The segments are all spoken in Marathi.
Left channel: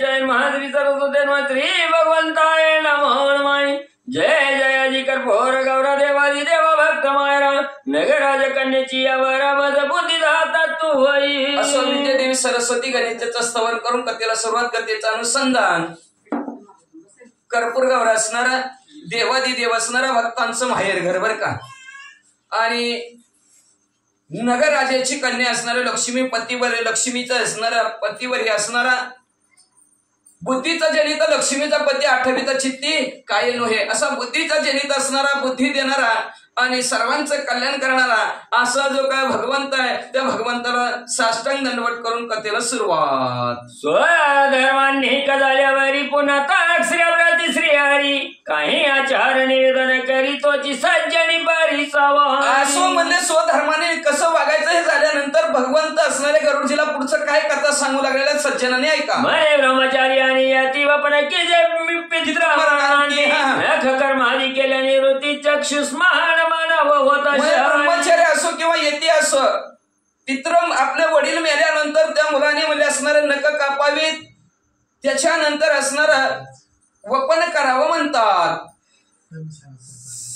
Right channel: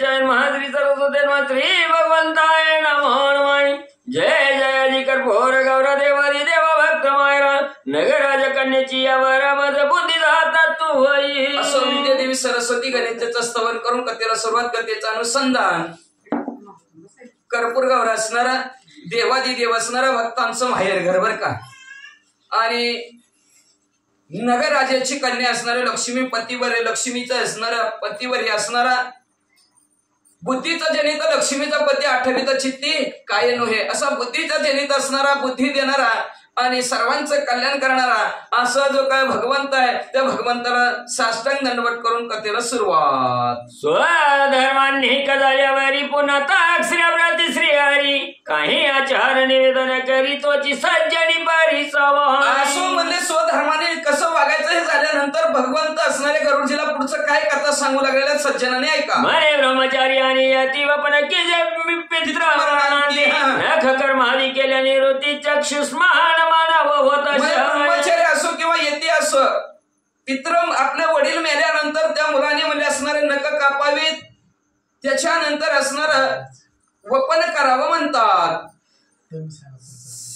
जय महाश्री सरस्वती श्री भगवंताय नमो नमः। जय जय जी कर्पूर गौर देवारी देव भक्त मायरा नगराज कन्याची यावर मज बुद्धी हातात तू होई। असं विद्यादेवी सरस्वती गणेशाचं स्तवन करून कथेला सुरुवात कथेचं अनुसंधान कर्पूर गौर असणारा देवादी देव असणारा भक्तांचं माहेर घर बर का आणि नगरराजाची कन्या असणारा लक्ष्मी पतीवर लक्ष्मीचा असणारा पतीवर हे असणारा बुद्धीचा जनित लक्ष्मीचा पती आठवीचा चित्ती काय नव्हे असा बुद्धीचा जनित असणारा बुद्धी देणारा आणि सर्वांचं कल्याण करणारा असा जो काय भगवंत आहे त्या भगवंताला साष्टांग दंडवत करून कथेला सुरुवात। स्वधर्मांनी झाल्यावरी पुन्हा ताक्षऱ्याप्रती श्री हरी काही आचार निवेदन करी तोची सज्जनी परिसावा। असो म्हणजे स्वधर्माने कसं वागायचं हे झाल्यानंतर भगवंत असणारे गरुडजीला पुढचं काय कथा सांगू लागलेल्या सज्जनाने ऐका। मरे ब्रह्मचारी आणि यती वपन केले कर्मादी केल्याने वृत्ती चक्षुष महान मानव होता। ब्रह्मचारी असो किंवा यती असो पित्र आपल्या वडील मेल्यानंतर त्या मुलाने म्हणजे असणारे नख कापावीत त्याच्यानंतर असणार वपन करावं म्हणतात।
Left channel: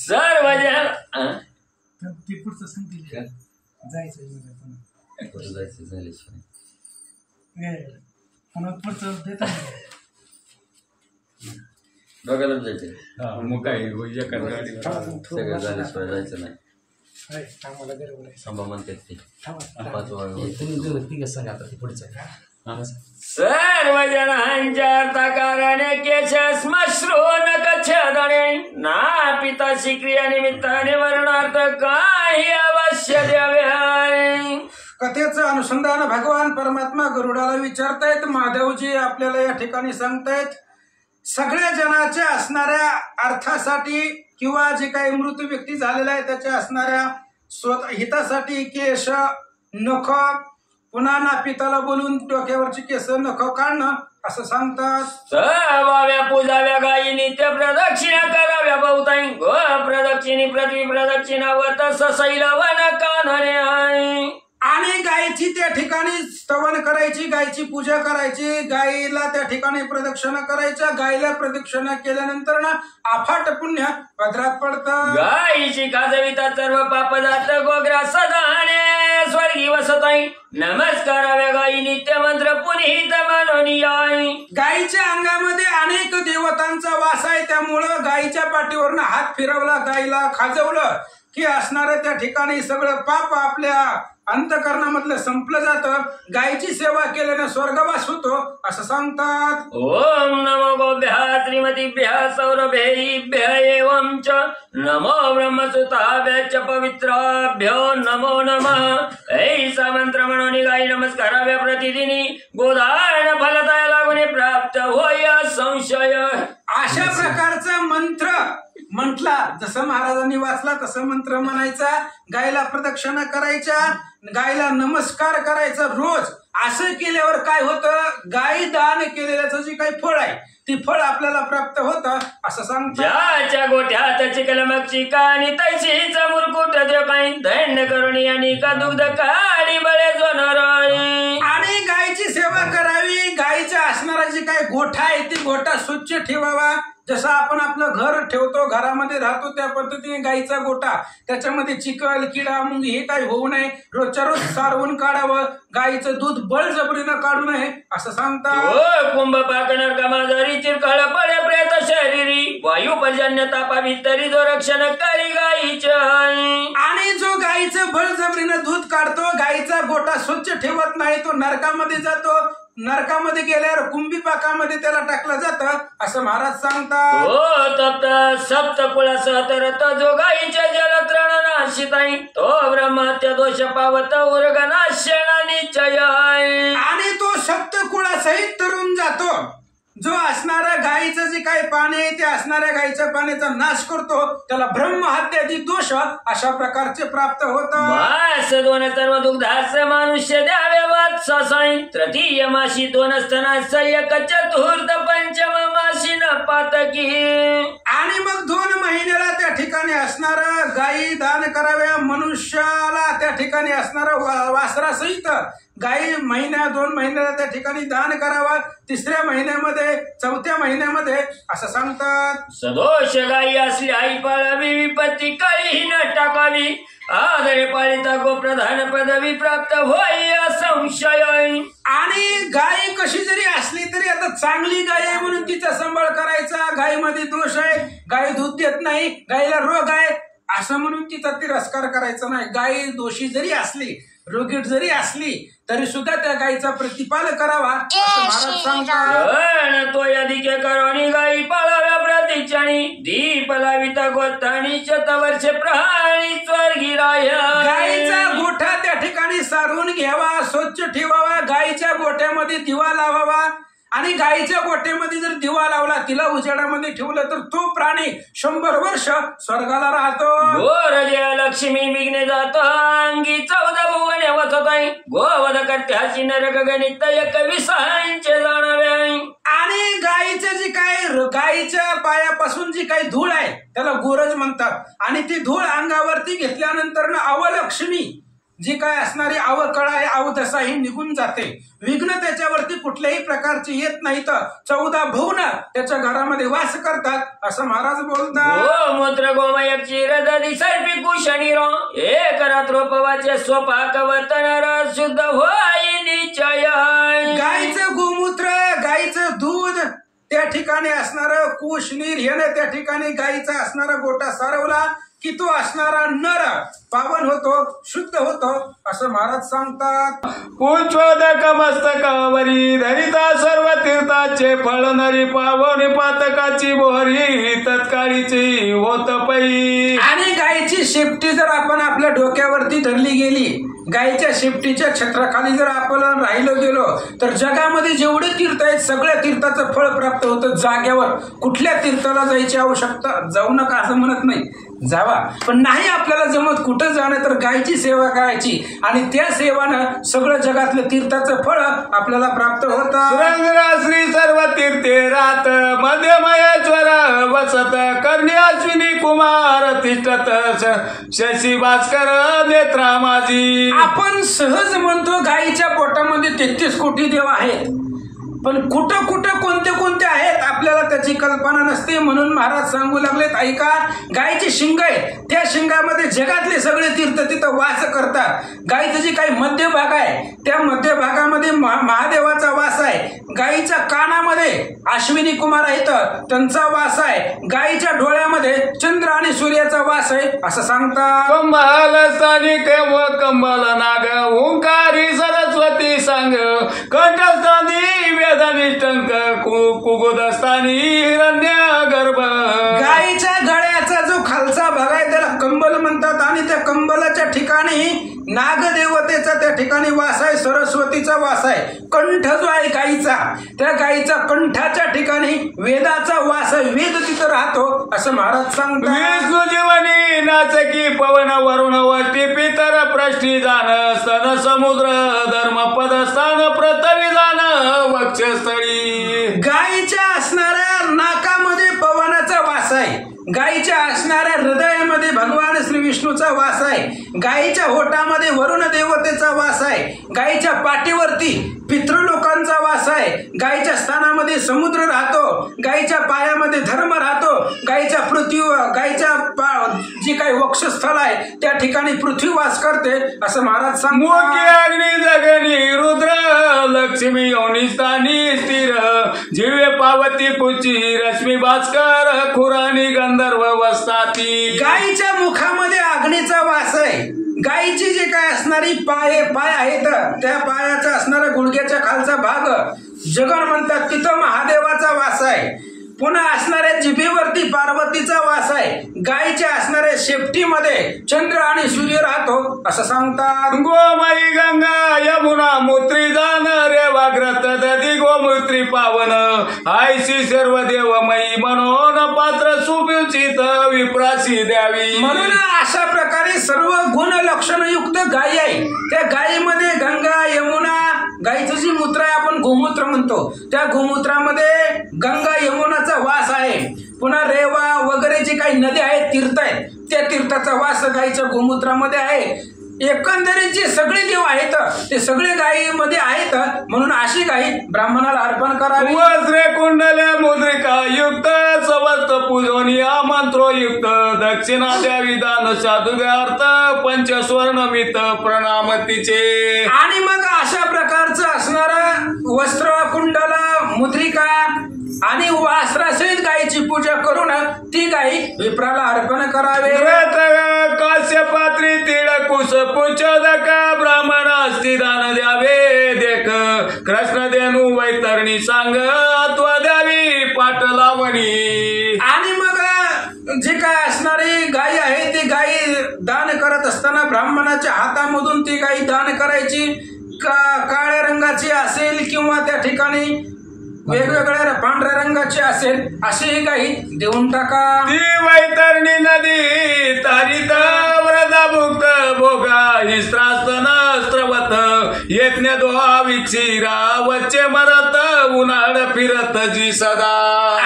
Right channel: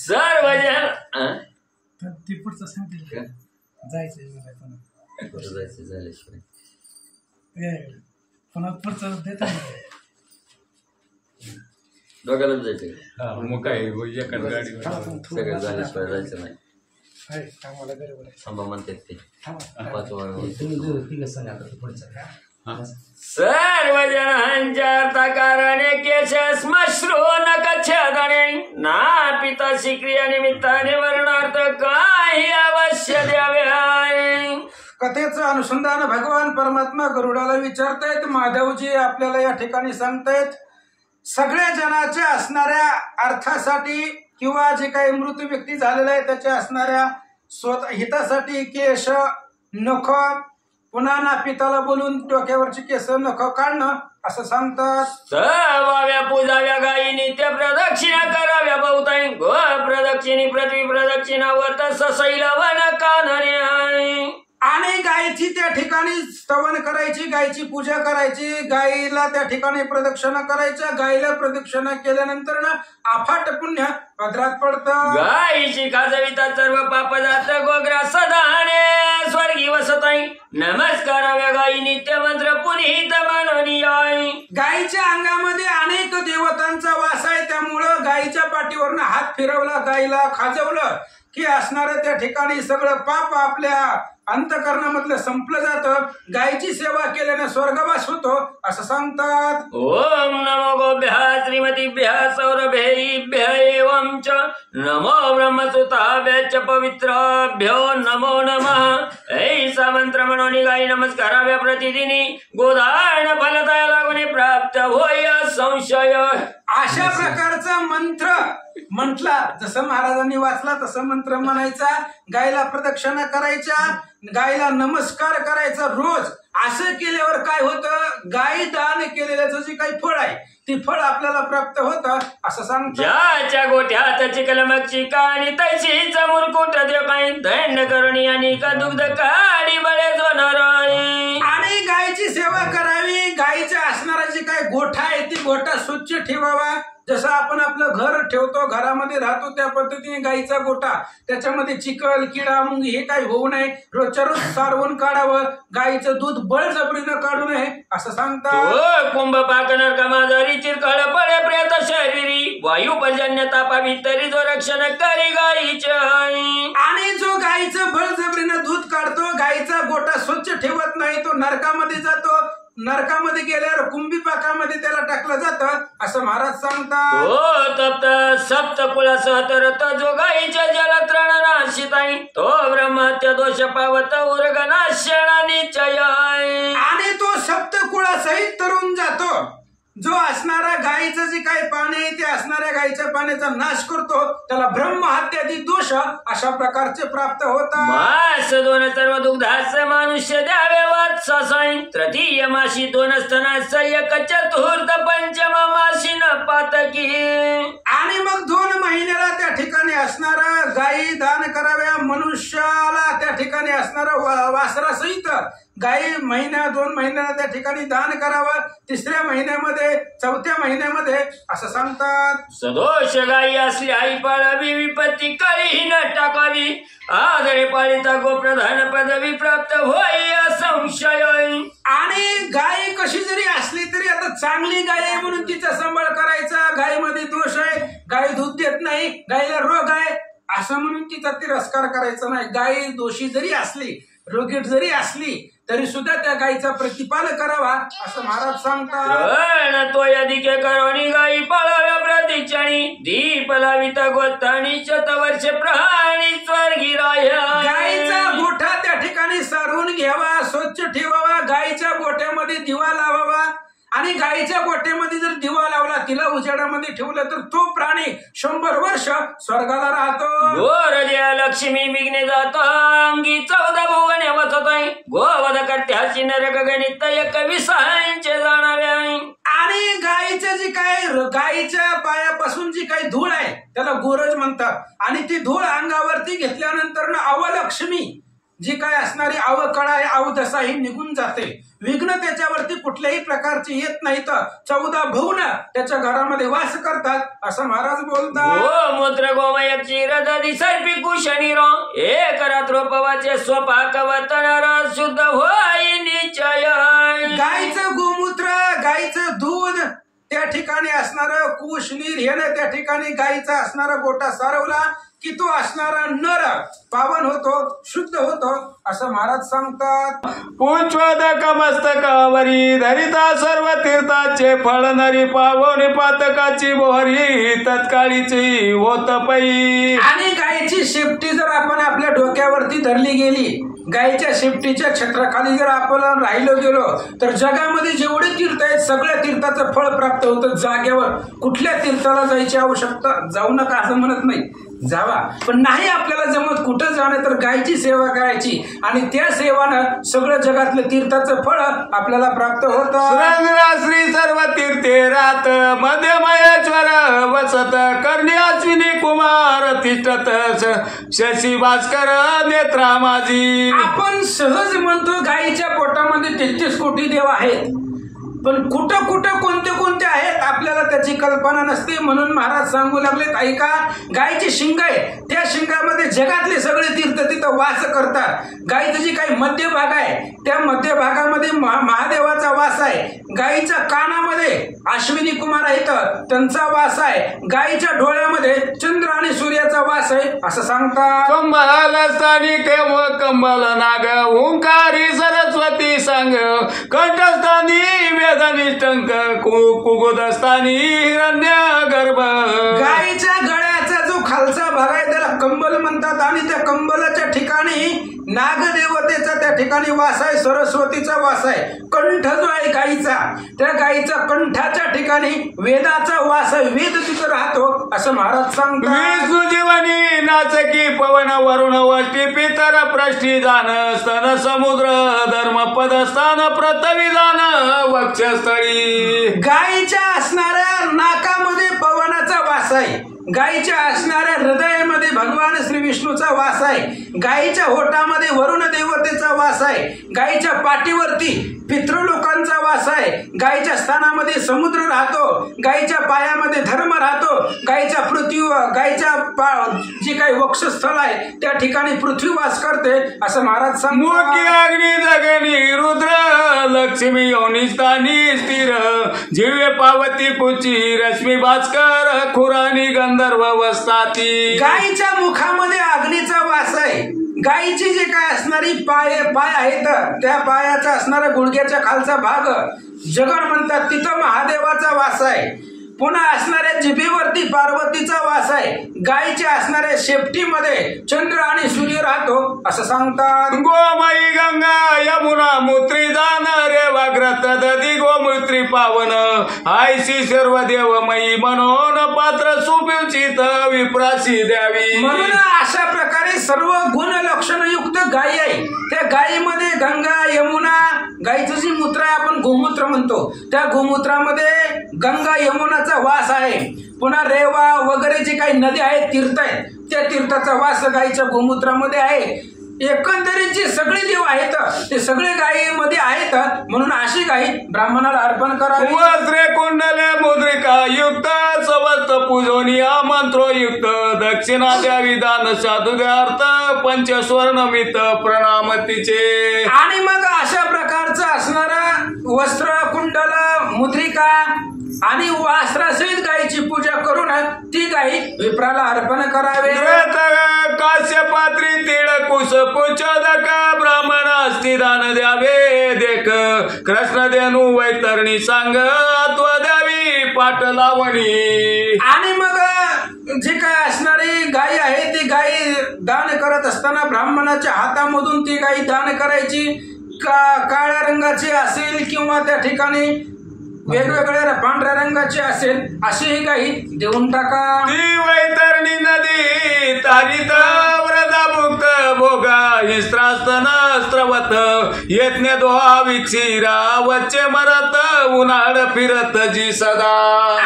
सर्वजण ते पुढचं सांगतील का जायचं पुन्हा पुढचं देत दोघांना जायचं मग काय सगळं झाल्याशिवाय जायचं नाही आम्हाला बरोबर आहे थांबा म्हणतात ते सर्वजणांच्या तकाराने केश श्मश्रू नकच्छदणे ना पिता शिक्रिया निमित्ताने वर्णार्थ काही अवश्य द्यावे। कथेचं अनुसंधान भगवान परमात्मा गरुडाला विचारतायत। माधवजी आपल्याला या ठिकाणी सांगतायत सगळ्या जनाच्या असणाऱ्या अर्थासाठी किंवा जे काही मृत व्यक्ती झालेला आहे त्याच्या असणाऱ्या स्वतः हितासाठी केश नख पुन्हा नापिताला बोलून डोक्यावरची केस नख काढणं असं सांगतात। सवाव्या पूजाव्या गायी नित्य प्रदक्षिणा कराव्या बहुताई गो प्रदक्षिणी पृथ्वी प्रदक्षिणा व तस शैलवन कानने आणि गायीची त्या ठिकाणी स्तवन करायची गायीची पूजा करायची गायीला त्या ठिकाणी प्रदक्षिणा करायच्या गायीला प्रदक्षिणा केल्यानंतर ना अफाट पुण्य पदरात पडतं। गायीची खाजविता सर्व पाप जात गोग्रा सदाने स्वर्गी वसताई नमस्काराव्या गायी नित्य मंत्र पुनीत माननीय। गायीच्या अंगामध्ये अनेक देवतांचा वास आहे त्यामुळं गायीच्या पाठीवरनं हात फिरवला गायीला खाजवलं की असणाऱ्या त्या ठिकाणी सगळं पाप आपल्या अंतकरणामधलं संपलं जातं। गायीची सेवा केल्याने स्वर्गवास होतो असं सांगतात। ओम नमो गोभ्या श्रीमतीभ्य सौरभेभ्य एवं च नमो ब्रह्मसुताभ्य च पवित्राभ्यो नमो नमः। ऐसा मंत्र म्हणून गायी नमस्काराव्या प्रतिदिनी गोधारण फलदाय लागून प्राप्त होय संशय। अशा प्रकारचा मंत्र म्हटला जसं महाराजांनी वाचला तसं मंत्र म्हणायचा गायीला प्रदक्षिणा करायच्या गायीला नमस्कार करायचा रोज। असं केल्यावर काय होतं गायी दान केलेल्याचं जे काही फळ आहे ती फळ आपल्याला प्राप्त होतं असं सांगतात। ज्याच्या गोठ्यात चिकलमक्षी आणि तैशीच मुरकुट जो काही दंड करुणी आणि का दुग्ध काळी बळे जोनाराई आणि गायीची सेवा करावी। गायीचा असणारा जे काही गोठा आहे ती गोठा स्वच्छ ठेवावा। जसं आपण आपलं घर ठेवतो घरामध्ये राहतो त्या पद्धतीने गायीचा गोठा त्याच्यामध्ये चिखल किडा मुंगी हे काही होऊ नये रोजच्या रोज सारवून काढावं। गायीचं दूध बळजबरीनं काढू नये असं सांगतात। कुंभ पाकणार कमाजारी चिरकाळ पडे प्रेत शरीरी वायू पर्जन्य तापा भितरी जो रक्षण करी गायीचे। आणि जो गायीचं बळजबरीनं दूध काढतो गायीचा गोठा स्वच्छ ठेवत नाही तो नरकामध्ये जातो। नरकामध्ये गेल्यावर कुंभी पाकामध्ये त्याला टाकलं जातं असं महाराज सांगतात। हो तप्त सप्त कुळासह तरत जो गायीच्या जलत्रणाशिताई तो ब्रह्मत्य दोष पावत उर्गनाशना निश्चय। आणि तो सप्त कुळासहित तरुण जातो जो असणारा गायीचं जे काही पाणी आहे ते असणाऱ्या गायीच्या पाण्याचा नाश करतो त्याला ब्रह्महत्यादी दोष अशा प्रकारचे प्राप्त होतात। मास दोन सर्व दुग्धास मनुष्य द्यावे वात्साई तृतीय माशी दोन स्तनास एक चतुर्थ पंचम माशी न पातकी। आणि मग 2 महिन्याला त्या ठिकाणी असणारा गायी दान कराव्या मनुष्याला त्या ठिकाणी असणारा वासरासहित गाई महिन्या 2 महिन्याला त्या ठिकाणी दान करावं, 3ऱ्या महिन्यामध्ये 4थ्या महिन्यामध्ये असं सांगतात. सदोष गायी असली आई पाळावी, विपत्ती काळीही न टाकावी, आदरे पाळिता गोप्रधान पदवी प्राप्त होई असंशय. आणि गाय कशी जरी असली तरी आता चांगली गाय आहे म्हणून तिचा सांभाळ करायचा, गायीमध्ये दोष आहे, गाय दूध देत नाही, गायीला रोग आहे असं म्हणून तिचा तिरस्कार करायचा नाही. गाय दोषी जरी असली, रोगीट जरी असली तरी सुद्धा त्या गायीचा प्रतिपाल करावा असं महाराज सांगतात. तो यादिके करोनी गायी पाळाव्या प्रतिक्षणी, दीप लाविता गोतानी शतवर्ष प्रहाणी स्वर्गी राह्य. गायीचा गोठा त्या ठिकाणी सारून घ्यावा, स्वच्छ ठेवावा, गायीच्या गोठ्यामध्ये दिवा लावावा. आणि गायीच्या गोठ्यामध्ये जर दिवा लावला, तिला उजेडामध्ये ठेवलं तर तो प्राणी 100 वर्ष स्वर्गाला राहतो. गोर जया लक्ष्मी विघ्ने जात अंगी 14 भुवने वतताय, गोवध करत्याची नरक गणित 21 जाणावे. आणि गायीचं जी काय गायीच्या पायापासून जी काही धूळ आहे त्याला गोरज म्हणतात. आणि ती धूळ अंगावरती घेतल्यानंतर अवलक्ष्मी जी काय असणारी अवकळा आहे, अवदशा ही निघून जाते. विघ्न त्याच्यावरती कुठल्याही प्रकारची येत नाही. तर 14 भुवन त्याच्या घरामध्ये वास करतात असं महाराज बोलतात. गोमूत्र गोमय क्षीरदधी सर्पी कुशनी रो, एक रात्रोपवाचे स्वपाक वतनर शुद्ध होई निश्चय. गायीचं गोमूत्र, गायीचं दूध, त्या ठिकाणी असणारं कुशनीर ह्यानं त्या ठिकाणी गायीचा असणारा गोटा सारवला की तो असणारा नर पावन होतो, शुद्ध होतो असं महाराज सांगतात. पुष्पोदक मस्तकावरी धरिता सर्व तीर्थाचे फळ, नरी पावनी पातकाची मोहरी तत्काळीची होत पै. आणि गायीची शेपटी जर आपण आपल्या डोक्यावरती धरली गेली, गायीच्या शेपटीच्या छत्राखाली जर आपण राहिलो गेलो तर जगामध्ये जेवढे तीर्थ आहेत सगळ्या तीर्थाचं फळ प्राप्त होतं जाग्यावर. कुठल्या तीर्थाला जायची आवश्यकता, जाऊ नका असं म्हणत नाही, जावा. पण नाही आपल्याला जमत कुठं जाणं तर गायची सेवा करायची आणि त्या सेवानं सगळं जगातलं तीर्थाचं फळ आपल्याला प्राप्त होतं. श्री सर्व तीर्थे रात मध्य महेश्वर वसत, कर्णी अश्विनी कुमार तिष्ठत शशी भास्कर नेत्रा माझी. आपण सहज म्हणतो गायीच्या पोटामध्ये 33 कोटी देव आहेत, पण कुठं कुठं कोणते कोणते आहेत आपल्याला त्याची कल्पना नसते. म्हणून महाराज सांगू लागलेत, ऐका, गायीची शिंग आहे, त्या शिंगामध्ये जगातले सगळे तीर्थ तिथं वास करतात. गायीचं जी काही मध्य भाग आहे त्या मध्य भागामध्ये महादेवाचा वास आहे. गायीच्या कानामध्ये अश्विनी कुमार आहेत, त्यांचा वास आहे. गायीच्या डोळ्यामध्ये चंद्र आणि सूर्याचा वास आहे असं सांगतात. कंबल स्थानिक व कंबल नाग, ओंकारी सरस्वती सांग, कंठस्थानी वेदनिष्ठंक, कुगुदस्थानी हिरण्य गर्भ. गायीच्या गळ्याचा जो खालचा भाग आहे त्याला कंबल म्हणतात आणि त्या कंबलाच्या ठिकाणी नागदेवतेचा त्या ठिकाणी वास आहे, सरस्वतीचा वास आहे. कंठ जो आहे गायीचा, त्या गायीचा कंठाच्या ठिकाणी वेदाचा वास आहे, वेद तिथं राहतो असं महाराज सांगतात. विष्णू जीवनी नाचकी पवन वरुण वष्टी पितर प्रष्टी जाण, स्तन समुद्र धर्म पदस्थान पृथ्वी जाण वक्षस्थळी. गायीच्या असणाऱ्या नाकामध्ये पवनाचा वास आहे, गायीच्या असणाऱ्या हृदयामध्ये भगवान श्री विष्णूचा वास आहे, गायीच्या होठामध्ये वरुण देवतेचा वास आहे, गायीच्या पाठीवरती पितृलोकांचा वास आहे, गायीच्या स्थानामध्ये समुद्र राहतो, गायीच्या पायामध्ये धर्म राहतो, गायीच्या जी काही वक्षस्थळ आहे त्या ठिकाणी पृथ्वी वास करते असं महाराज सांगतात. मोठी अग्नी जगनी रुद्र लक्ष्मी योनिस्थानी स्थिर, जिवे पावती कुची रश्मी भास्कर खुरानी गंधर्व वस्ताती. गायीच्या मुखामध्ये अग्नीचा वास आहे. गायीची जे काय असणारी पाय आहेत त्या पायाचा असणारा गुडघ्याच्या खालचा भाग जगण म्हणतात, तिथं महादेवाचा वास आहे. पुन्हा असणाऱ्या जिभेवरती पार्वतीचा वास आहे. गायीच्या असणाऱ्या शेपटीमध्ये चंद्र आणि सूर्य राहतो असं सांगतात. गोमयी गंगा यमुना मूत्री जाण, रेवाग्रत दधी गोमूत्री पावन, आयशी सर्व देवमयी मनोन पात्र सुपिवचित विप्रासी द्यावी. म्हणून अशा प्रकारे सर्व गुण लक्षणयुक्त गायी आहे. त्या गायीमध्ये गंगा यमुना, गायीचं जी मूत्र आहे आपण गोमूत्र म्हणतो, त्या गोमूत्रामध्ये गंगा यमुनाचा वास आहे. पुन्हा रेवा वगैरे जे काही नद्या आहेत, तीर्थ आहेत, त्या तीर्थाचा वास गायीच्या गोमूत्रामध्ये आहे. एकंदरीत जे सगळे देव आहेत ते सगळे गायीमध्ये आहेत, म्हणून अशी गायी ब्राह्मणाला अर्पण करावी. वस्त्रे कुंडले मुद्रिका युक्त सवस्त पूजनीया मंत्रोयुक्त दक्षिणा द्यावी दान साधुगार्थ पंचस्वर्णमित प्रणामतीचे. आणि मग अशा प्रकारचं असणारं वस्त्र कुंडल मुद्रिका आणि वास्त्रासहित गायीची पूजा करून ती गायी विप्राला अर्पण करावे. काश्यपात्री तिळ कुश पुचोदक ब्राह्मण अस्ति दान द्यावे देख कृष्ण देनू वैतरणी सांग अत्व द्यावी पाट लावणी. आणि मग जी काय असणारी गायी आहे ती गायी दान करत असताना ब्राह्मणाच्या हातामधून ती गायी दान करायची. काळ्या रंगाची असेल किंवा त्या ठिकाणी वेगवेगळ्या पांढऱ्या रंगाची असेल अशी ही गायी देऊन टाका. ती वैतरणी नदी तारित व्रतभुक्त भोगा हिस्त्रास्तनस्त्रवत यज्ञ दोहा विक्षिरा वच्चे मरत उन्हाळ फिरत जी सदा.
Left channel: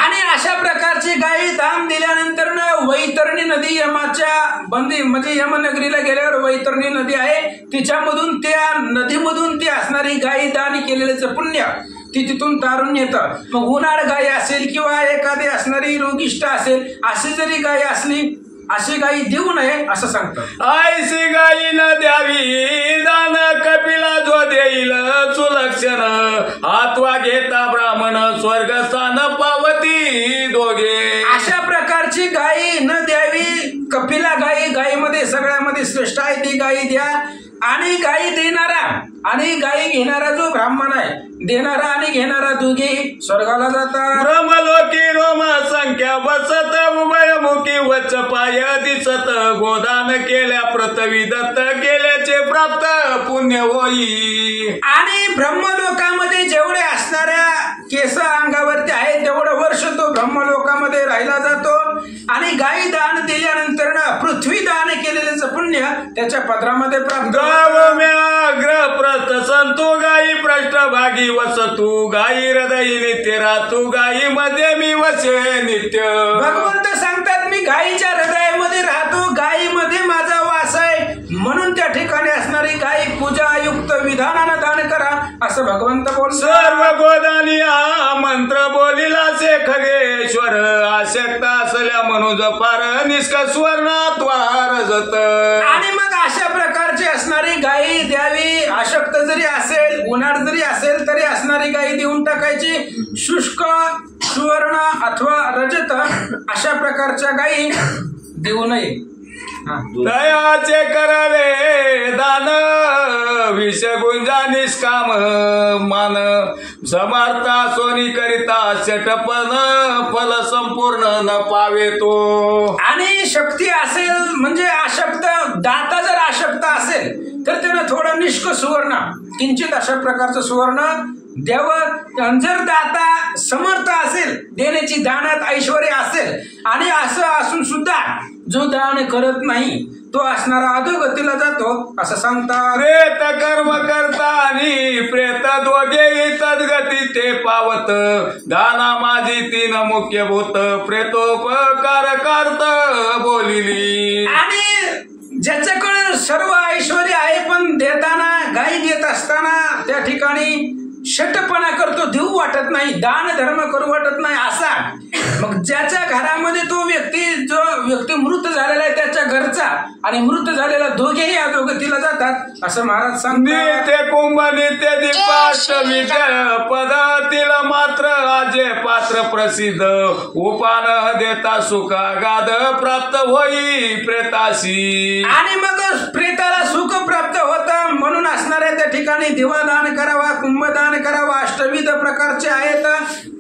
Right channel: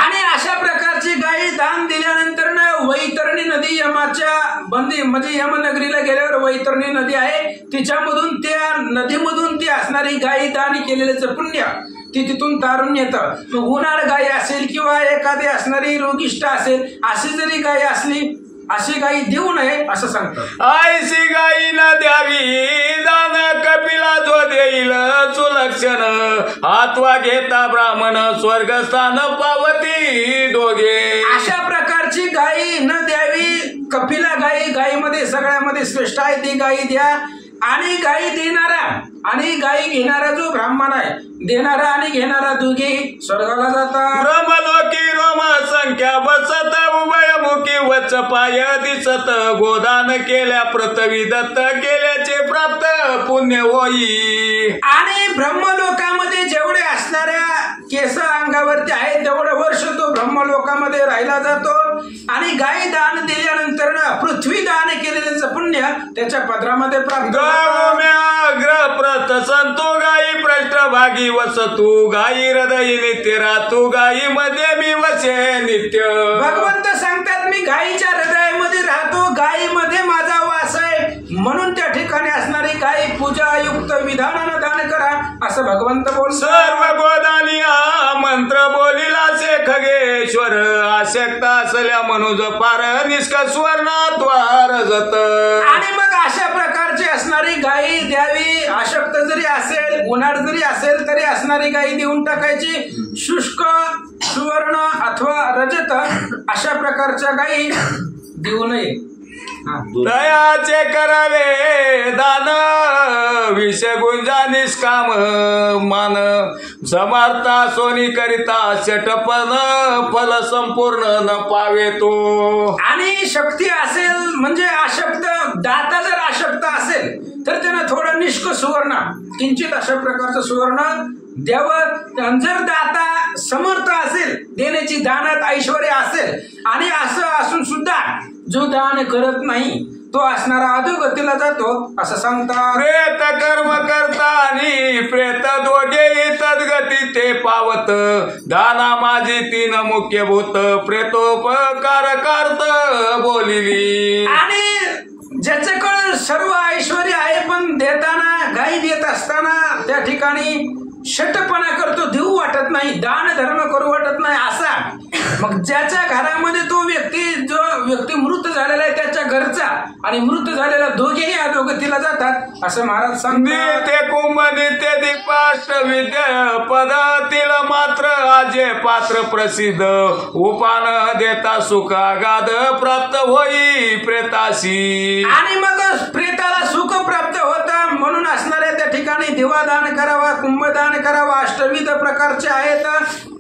आणि अशा प्रकारची गायी दान दिल्यानंतर वैतरणी नदी यमाच्या बंदी म्हणजे यमनगरीला गेल्यावर वैतरणी नदी आहे तिच्यामधून त्या नदीमधून ती असणारी गायी दान केलेलं पुण्य ती तिथून तारून येतं. मग उन्हाळ गायी असेल किंवा एखादी असणारी रोगिष्ट असेल अशी जरी गायी असली अशी गायी देऊ नये असं सांगतात. आयशी गायी न द्यावी दान कपिला जो देईल सुलक्षण हातवा घेता ब्राह्मण स्वर्गस्थान पावती दोघे. अशा प्रकारची गायी न द्यावी. कपिला गायी गायीमध्ये सगळ्यामध्ये श्रेष्ठ आहे ती गायी द्या. आणि गायी देणारा आणि गायी घेणारा जो ब्राह्मण आहे देणारा आणि घेणारा दोघेही स्वर्गाला जातात. ब्रह्मलोकी रोम संख्या बसत उभयमुखी वच पाय दिसत गोदान केल्या पृथ्वी दत्त केल्याचे प्राप्त पुण्य होई. आणि ब्रह्मलोकामध्ये जेवढे असणाऱ्या केस अंगावरती आहे तेवढं वर्ष तो ब्रह्मलोकामध्ये राहिला जातो. आणि गायी दान दिल्यानंतर पृथ्वी दान केलेल्याचं पुण्य त्याच्या पदरामध्ये प्राप्त ग्रप्रत संतो गायी पृष्ठभागी वसतू गायी हृदयी नित्य राहतू गायी मध्ये मी वसे नित्य. भगवंत सांगतात मी गायीच्या हृदयामध्ये राहतो गायीमध्ये माझा वास आहे म्हणून त्या ठिकाणी असणारी गायी पूजायुक्त विधानानं दान करा असं भगवंत बोलतात. सर्व गोदानी हा मंत्र बोलिला से खगेश्वर आशक्ता असल्या मनुज पार निष्कस्वर्णात्वार जत. आणि मग अशा प्रकारची असणारी गायी द्यावी. अशक्त जरी असेल उन्हाळ जरी असेल तरी असणारी गायी देऊन टाकायची. शुष्क सुवर्ण अथवा रजत अशा प्रकारच्या गायी देऊ नये. दयाचे करावे दान विषय गुंजा निष्काम मान समर्था सोनी करिता शटपन फल संपूर्ण न पावे तो. आणि शक्ती असेल म्हणजे अशक्त दाता जर अशक्त असेल तर त्यानं थोडं निष्क सुवर्ण किंचित अशा प्रकारचं सुवर्ण द्यावं. जर दाता समर्थ असेल देण्याची दानात ऐश्वर्य असेल आणि असं असून सुद्धा जो दान करत नाही तो असणारा अधोगतीला जातो असं सांगतात. प्रेत कर्म करता आणि प्रेत दोघे तद्गती ते पावत दाना माझी तीन मुख्य भूत प्रेतोपकार करत बोलिली. आणि ज्याच्याकडे सर्व ऐश्वर्य आहे पण देताना गायी देत असताना त्या ठिकाणी शटपणा करतो देऊ वाटत नाही दान धर्म करू वाटत नाही असा. मग ज्याच्या घरामध्ये तो जो व्यक्ती मृत झालेला आहे त्याच्या घरचा आणि मृत झालेला दोघेही अधोगतीला जातात असं महाराज सांगतात. ते कुंभ नित्य दीपाष्ट विजय पदातील मात्र आजे पात्र प्रसिद्ध उपान देता सुखा गाद प्राप्त होई प्रेताशी. आणि मग प्रेताला सुख प्राप्त होतं म्हणून असणाऱ्या त्या ठिकाणी दिवा दान करावा कुंभदान करावा. अष्टविध प्रकारचे आहेत.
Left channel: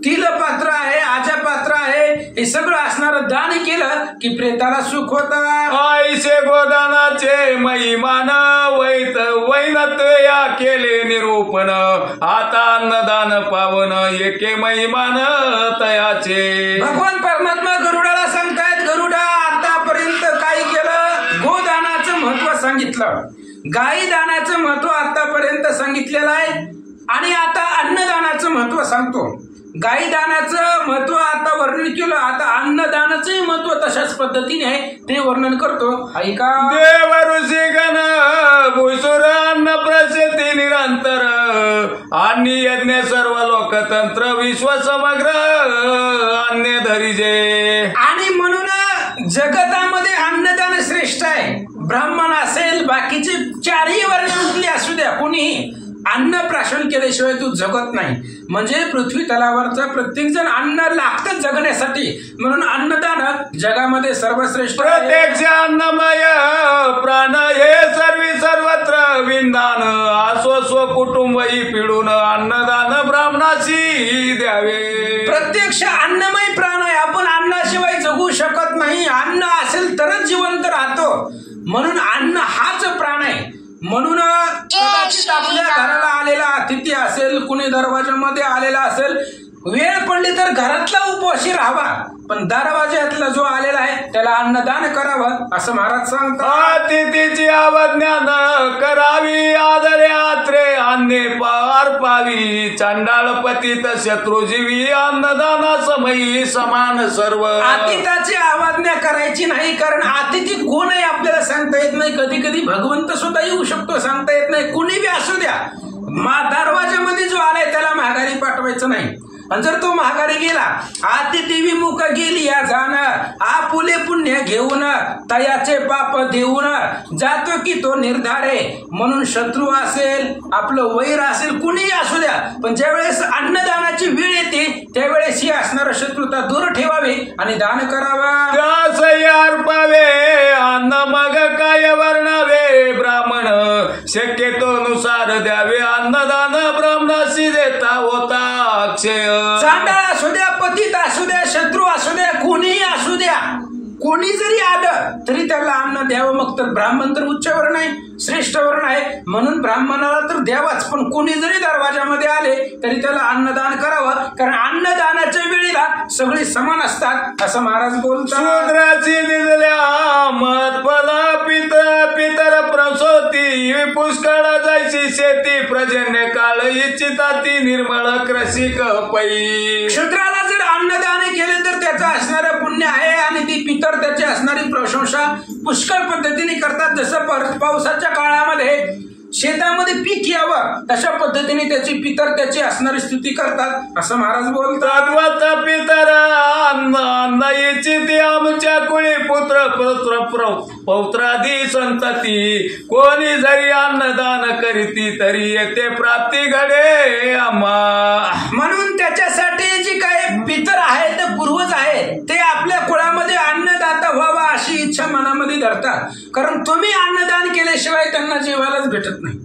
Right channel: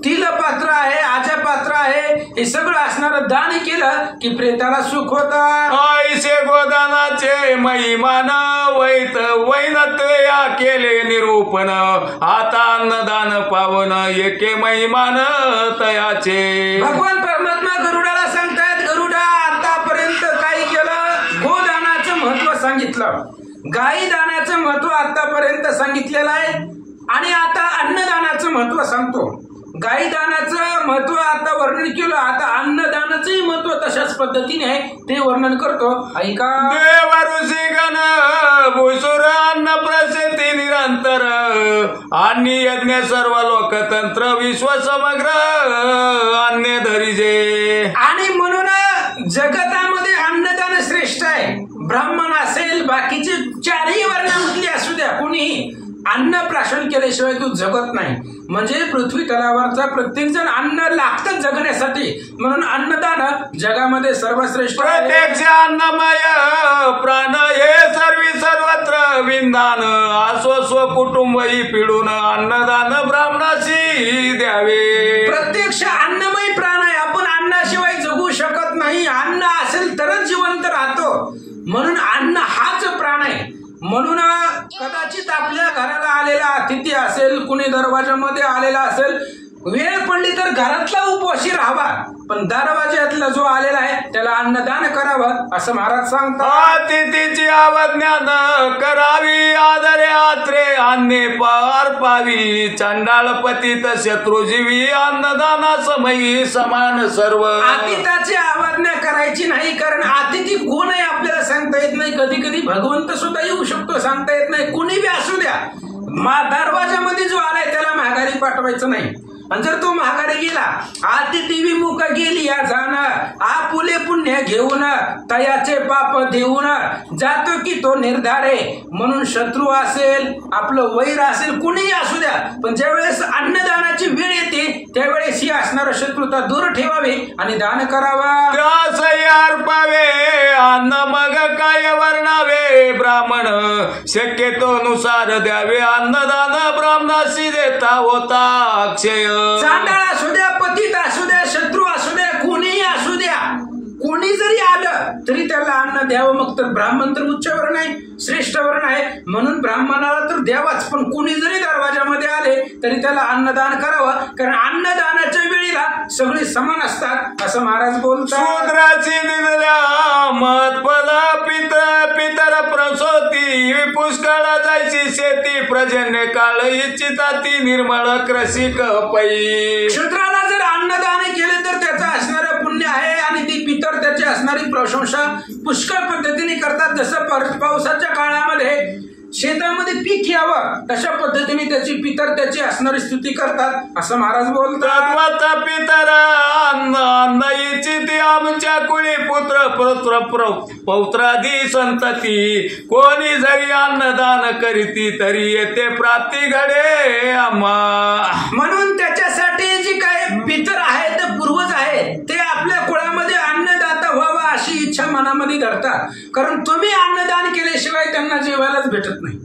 तिल पात्र आहे आजा पात्र आहे हे सगळं असणारं दान केलं की प्रेताला सुख होतं. आईशे गोदानाचे महिमान वैत वैनत या केले निरूपण आता अन्नदान पावन एके महिमान तयाचे. भगवान परमात्मा गरुडाला सांगतायत गरुडा आतापर्यंत काय केलं गोदानाचं महत्व सांगितलं गायी दानाचं महत्व आतापर्यंत सांगितलेलं आहे आणि आता अन्नदानाचं महत्व सांगतो. गाईदानाचं महत्व आता वर्णन केलं. आता अन्नदानाचंही महत्व तशाच पद्धतीने आहे, ते वर्णन करतो. ऐका. देव ऋषी गण भूसुर अन्न प्रसिद्धी निरंतर आणि यज्ञ सर्व लोकतंत्र विश्व समग्र अन्य धरिजे. आणि म्हणून जगतामध्ये अन्नदान श्रेष्ठ आहे. ब्राह्मण असेल, बाकीचे चारही वर्णांतले असू द्या, कोणीही अन्न प्राशन केल्याशिवाय तू जगत नाही. म्हणजे पृथ्वी तलावरचा प्रत्येक जण अन्न लागतं जगण्यासाठी, म्हणून अन्नदान जगामध्ये सर्वश्रेष्ठ आहे. प्रत्यक्ष अन्नमय प्राण हे सर्वत्र विंदान आसो स्व कुटुंब ही पिढून अन्नदान ब्राह्मणाशी द्यावे. प्रत्यक्ष अन्नमय प्राण आहे. आपण अन्नाशिवाय जगू शकत नाही. अन्न असेल तरच जिवंत राहतो. म्हणून अन्न हाच प्राण आहे. म्हणून कदाचित आपल्या घराला आलेला अतिथी असेल, कुणी दरवाजामध्ये आलेला असेल, वेळ पडली तर घरातला उपवाशी राहावा, पण दरवाज्यातला जो आलेला आहे त्याला अन्नदान करावं असं महाराज सांगतात. अतिथीची अवज्ञा न करावी, आदरे आत्रे अन्ने पार पावी. चंडाळ पतित शत्रुजीवी अन्नदाना समयी समान सर्व. अतिथाची अवज्ञा करायची नाही, कारण अतिथी कोण आहे आपल्याला सांगता येत नाही. कधी कधी भगवंत सुद्धा येऊ शकतो, सांगता येत नाही. कुणी बी असू द्या, दरवाजामध्ये जो आलाय त्याला माघारी पाठवायचं नाही. आणि जर तो माघारी गेला, अतिथी विमुख गेली या जाणं, आपुले पुण्य घेऊन तयाचे पाप देऊन जातो की तो निर्धारे. म्हणून शत्रू असेल, आपलं वैर असेल, कुणीही असू द्या, पण ज्यावेळेस अन्नदानाची वेळ येते त्यावेळेस ही असणारा शत्रुता दूर ठेवावी आणि दान करावा. त्यासही अर्पावे अन्न मग काय वर्णावे. ब्राह्मण शक्यतो नुसार द्यावे अन्नदान ब्राह्मणाशी देता होता अक्षय. चांडाळ असू द्या, पतित असू द्या, शत्रू असू द्या, कोणीही असू द्या, कोणी जरी आलं तरी त्याला अन्न द्यावं. मग तर ब्राह्मण तर उच्च वर्ण आहे, श्रेष्ठ वर्ण आहे, म्हणून ब्राह्मणाला तर द्यावाच. पण कोणी जरी दरवाजामध्ये आले तरी त्याला अन्नदान करावं, कारण अन्नदानाच्या वेळेला सगळी समान असतात असं महाराज बोलतात. शूद्राची दिलेल्या महत्पद पितर प्रसोती पुष्कळ जायची शेती प्रजन्य काळ इच्छिता ती निर्मळ कृषिक पै. शूद्राला जर अन्नदान केले तर त्याचं असणारं पुण्य आहे, आणि ती पितर त्याची असणारी प्रशंसा पुष्कळ पद्धतीने करतात. जसं पावसाच्या काळामध्ये शेतामध्ये पीक यावं तशा पद्धतीने त्याची पितर त्याची असणारी स्तुती करतात असं महाराज बोलतात. पितर अन्न इच्छिती आमच्या कुळी पुत्र पौत्रादी संतती. कोणी जरी अन्नदान करीती तरी येते प्राप्ती घडे आम्हा. म्हणून त्याच्यासाठी जी काही पितर आहेत, पूर्वज आहेत, ते आपल्या कुळामध्ये अन्नदाता व्हावा अशी इच्छा मनामध्ये धरतात. कारण तुम्ही अन्नदान केल्याशिवाय त्यांना जेवायलाच भेटत नाही.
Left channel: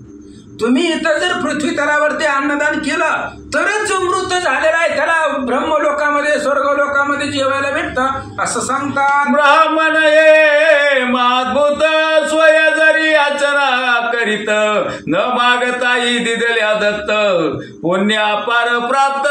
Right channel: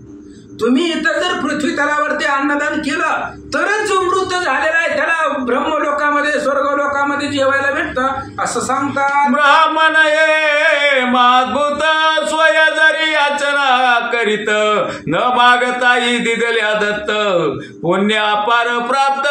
तुम्ही इथं जर पृथ्वी तलावरती अन्नदान केलं तरच जो मृत झालेला आहे त्याला ब्रह्मलोकामध्ये, स्वर्गलोकामध्ये जेवायला भेटतं असं सांगतात. ब्राह्मण ये मातभूत स्वय जरी याचना करीत न मागताही दिदल्या दत्त पुण्य अपार प्राप्त